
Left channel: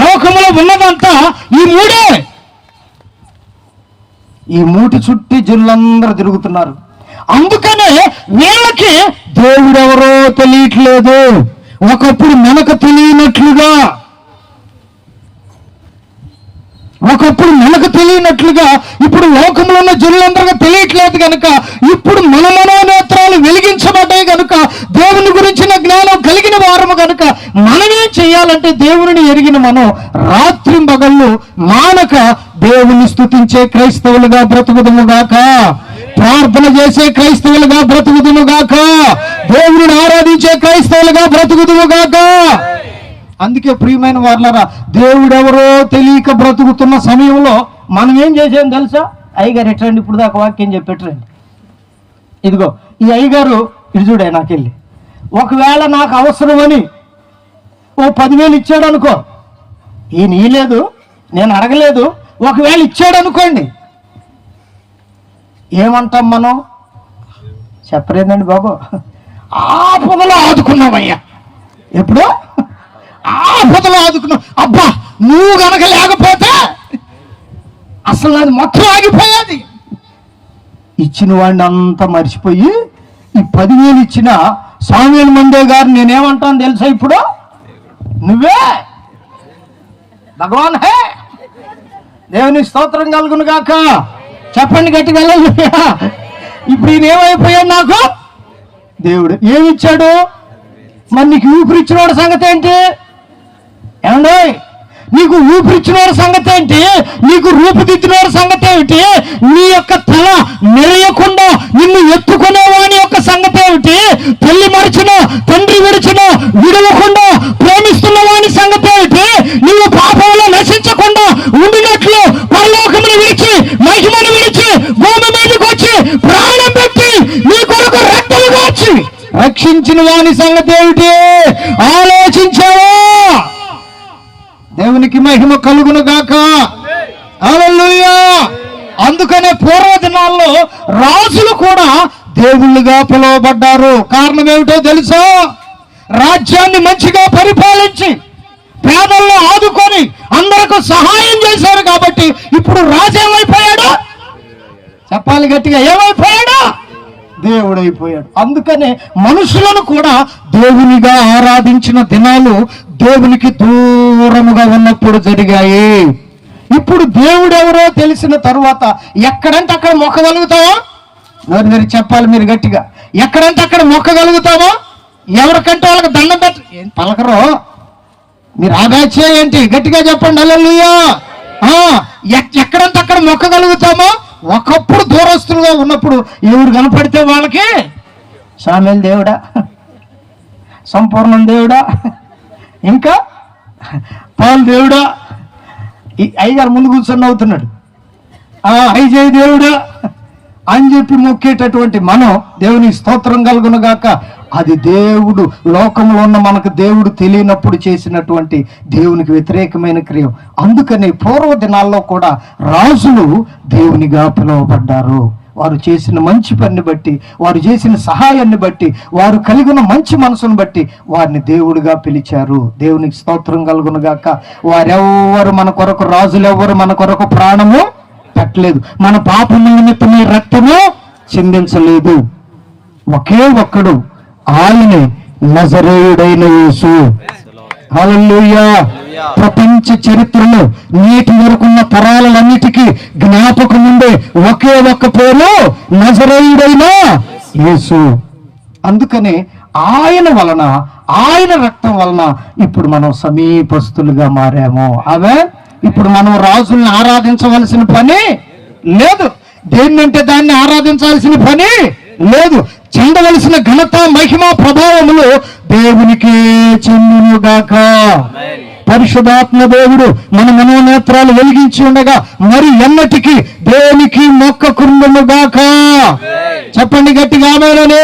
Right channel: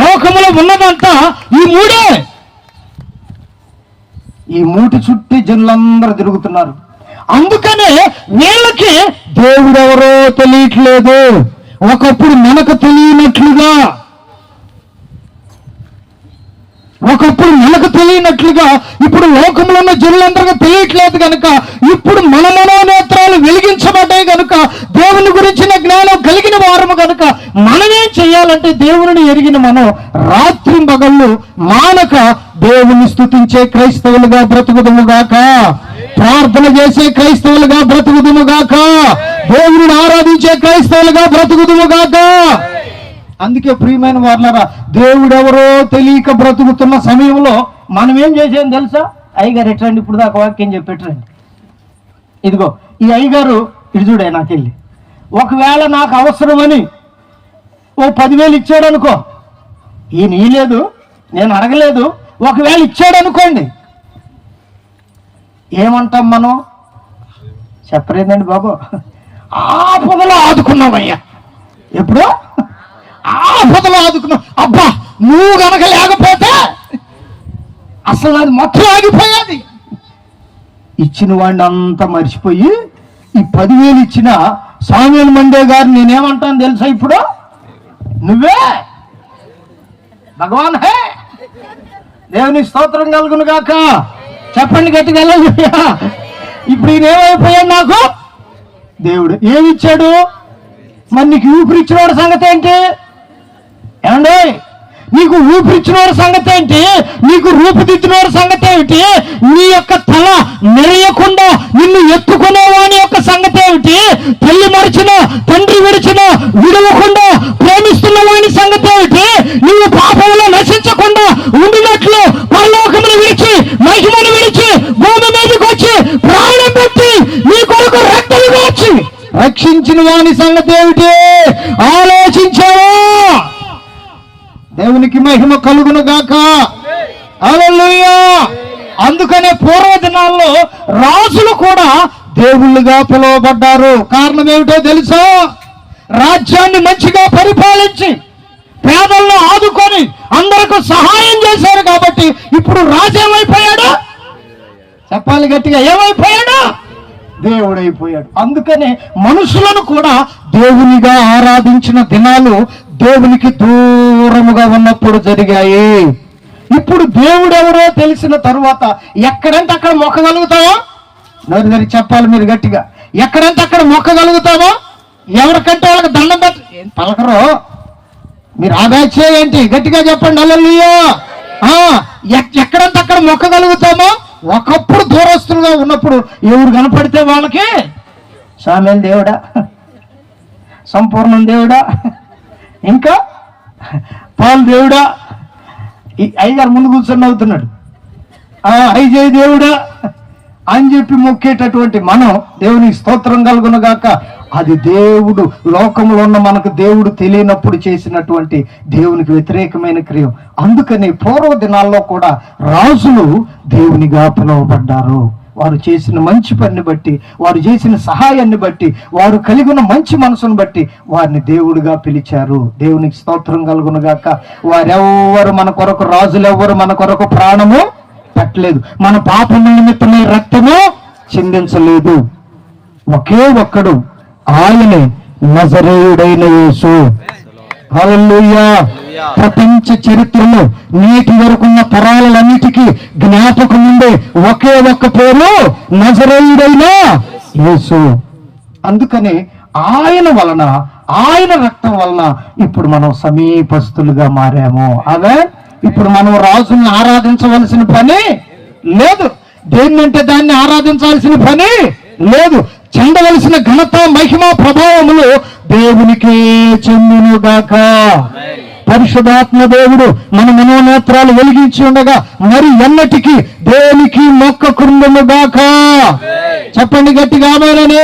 లోకములో ఉన్నదంతా ఈ మూడే. ఈ మూటి చుట్టి జనులందరూ తిరుగుతున్నారు. అందుకనే వీళ్ళకి దేవుడెవరో తెలియట్లేదు. ఒకప్పుడు మనకు తెలియనట్లుగా, ఇప్పుడు లోకంలో ఉన్న జనులందరికీ తెలియట్లేదు కనుక ఇప్పుడు మన మనోనేత్రాలు వెలిగించబడ్డాయి కనుక దేవుని గురించిన జ్ఞానం కలిగిన వారము కనుక మనమేం చేయాలంటే దేవుని ఎరిగిన మనం రాత్రి పగళ్ళు మానక దేవుని స్తుతించే క్రైస్తవులుగా బ్రతుకుదుము గాక, ప్రార్థన చేసే క్రైస్తవులుగా బ్రతుకుదుము గాక, దేవుని ఆరాధించే క్రైస్తవులుగా బ్రతుకుదుము గాక. అందుకే ప్రియమైన వారులారా, దేవుడెవరో తెలియక బ్రతుకుతున్న సమయంలో మనం ఏం చేసాం తెలుసా? అయ్యగారు ఎట్రండి, ఇప్పుడు దాకా వాక్యం చెప్పెట్టరండి. ఇదిగో ఈ అయ్యగారు ఇటు చూడే, నాకెళ్ళి ఒకవేళ నాకు అవసరమని ఓ 10,000 ఇచ్చాడు అనుకో, ఈయన ఇయ్యలేదు, నేను అడగలేదు, ఒకవేళ ఇచ్చాడు అనుకోండి, ఏమంటాం మనం? చెప్పలేదండి బాబు, ఆపదలో ఆదుకున్నామయ్యా. ఎప్పుడు ఆపదలో ఆదుకున్నాం. అబ్బా నువ్వు గనక లేకపోతే అసలు అది మొత్తం ఆగిపోయేది. ఇచ్చిన వాడిని అంతా మర్చిపోయి ఈ 10,000 ఇచ్చిన సామ్యూయల్ మండే గారు నేనేమంటాను తెలుసా? ఇప్పుడు నువ్వే భగవాన్ హే. దేవుని స్తోత్రం కలుగును గాక. చెప్పండి గట్టిగా. ఇప్పుడు ఈయన ఏమైపోయాడు? నాకు దేవుడు ఏమిచ్చాడు? మరి నీకు ఊపిరిచ్చిన వాడి సంగతి ఏంటి? ఏమండి, నీకు ఊపిరిచ్చిన వాడి సంగతి ఏంటి? నీకు రూపుదిద్దిన వాడి సంగతి ఏమిటి? నీ యొక్క తల మెరియకుండా నిన్ను ఎత్తుకునే వాని యొక్క సంగతి ఏమిటి? తల్లి మరిచిన, తండ్రి విడిచిన, విడవకుండా ప్రేమిస్తున్న వాని సంగతి ఏమిటి? నీవు పాపంలో నశించకుండా ఉండినట్లు పరలోకమును విడిచి, మహిమను విడిచి, భూమి మీదకి వచ్చి ప్రాణం పెట్టి నీ కొరకు రక్తము వచ్చి రక్షించిన వాని సంగతి ఏమిటి? వివేచించావా? దేవునికి మహిమ కలుగును గాక. హల్లెలూయా. అందుకనే పూర్వ దినాల్లో రాజులు కూడా దేవుళ్ళుగా పిలువబడ్డారు. కారణం ఏమిటో తెలుసా? రాజ్యాన్ని మంచిగా పరిపాలించి పేదల్లో ఆదుకొని అందరికి సహాయం చేశారు కాబట్టి ఇప్పుడు రాజు ఏమైపోయాడు? చెప్పాలి గట్టిగా, ఏమైపోయాడు? దేవుడైపోయాడు. అందుకనే మనుషులను కూడా దేవునిగా ఆరాధించిన దినాలు దేవునికి దూరముగా ఉన్నప్పుడు జరిగాయి. ఇప్పుడు దేవుడు ఎవరో తెలిసిన తరువాత ఎక్కడంటే అక్కడ మొక్కగలుగుతావా? నోరు చెప్పాలి మీరు గట్టిగా. ఎక్కడంటే అక్కడ మొక్కగలుగుతావా? ఎవరికంటే వాళ్ళకి దండం ఏం పలకరో మీరు ఆదాయ ఏంటి? గట్టిగా చెప్పండి. హల్లెలూయా. ఎక్కడంటే అక్కడ మొక్కగలుగుతామా? ఒకప్పుడు దూరస్తులుగా ఉన్నప్పుడు ఎవరు కనపడితే వాళ్ళకి సామెల్ దేవుడా, సంపూర్ణం దేవుడా, ఇంకా పాల్ దేవుడా, ఈ అయ్యగారు ముందు కూర్చొని అవుతున్నాడు, ఐజయ్ దేవుడా అని చెప్పి మొక్కేటటువంటి మనం దేవునికి స్తోత్రం కలుగును గాక. అది దేవుడు లోకంలో ఉన్న మనకు దేవుడు తెలియనప్పుడు చేసినటువంటి దేవునికి వ్యతిరేకమైన క్రియ. అందుకని పూర్వ దినాల్లో కూడా రాజులు దేవునిగా పిలువబడ్డారు. వారు చేసిన మంచి పనిని బట్టి, వారు చేసిన సహాయాన్ని బట్టి, వారు కలిగిన మంచి మనసును బట్టి వారిని దేవుడిగా పిలిచారు. దేవునికి స్తోత్రం కలుగును గాక. వారెవ్వరు మన కొరకు, రాజులు ఎవ్వరు మన కొరకు ప్రాణము పెట్టలేదు, మన పాపం నిమిత్తమే రక్తము చిందించలేదు. ఒకే ఒక్కడు, ఆయనే నజరేయుడైన యేసు. హల్లెలూయా. ప్రపంచ చరిత్రలో నేటి వరకున్న తరాలన్నిటికీ జ్ఞాపకం ఉండే ఒకే ఒక్క పేరు నజరేయుడైన యేసు. అందుకనే ఆయన వలన, ఆయన రక్తం వలన ఇప్పుడు మనం సమీపస్తులుగా మారాము. అవే ఇప్పుడు మనం రాజుల్ని ఆరాధించవలసిన పని లేదు. దేన్నంటే దాన్ని ఆరాధించాల్సిన పని లేదు. చెందవలసిన ఘనత, మహిమ, ప్రభావములు దేవునికే చెందునుగాక. పరిశుద్ధాత్మ దేవుడు మన మనోనేత్రాలు వెలిగించి ఉండగా మరి ఎన్నటికీ దేనికి మొక్కకుండునుగాక. చెప్పండి గట్టిగా ఆమేనని.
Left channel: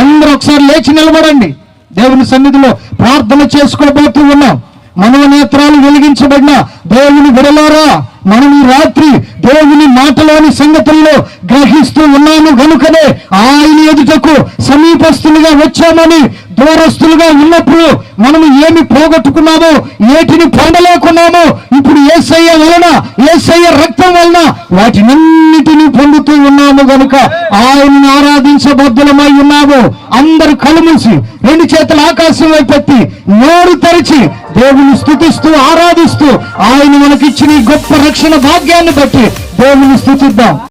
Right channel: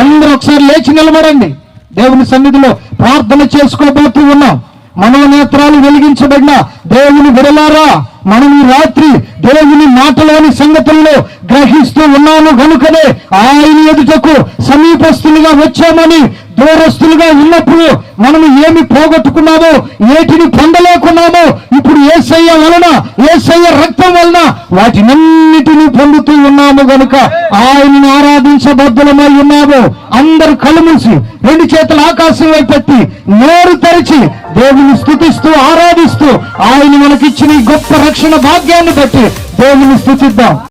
అందరూ ఒకసారి లేచి నిలబడండి. దేవుని సన్నిధిలో ప్రార్థన చేసుకోబోతూ ఉన్నాం. మనోనేత్రాలు వెలిగించబడిన దేవుని విడలారా, మనం ఈ రాత్రి దేవుని మాటలోని సంగతుల్లో గ్రహిస్తూ ఉన్నాము గనుకనే ఆయన ఎదుటకు సమీపస్తులుగా వచ్చామని. దూరస్తులుగా ఉన్నప్పుడు మనం ఏమి పోగొట్టుకున్నామో, ఏటిని పొందలేకున్నామో, ఇప్పుడు యేసయ్య వలన, యేసయ్య రక్తం వలన వాటినన్నిటినీ పొందుతూ ఉన్నాము గనుక ఆయనను ఆరాధించబద్ధులమై ఉన్నాము. అందరూ కళ్ళు మూసి రెండు చేతులు ఆకాశం వైపెత్తి నోరు తెరిచి దేవుని స్తుతిస్తూ ఆరాధిస్తూ ఆయన మనకిచ్చిన ఈ గొప్ప రక్షణ భాగ్యాన్ని బట్టి దేవుని స్తుతిద్దాం.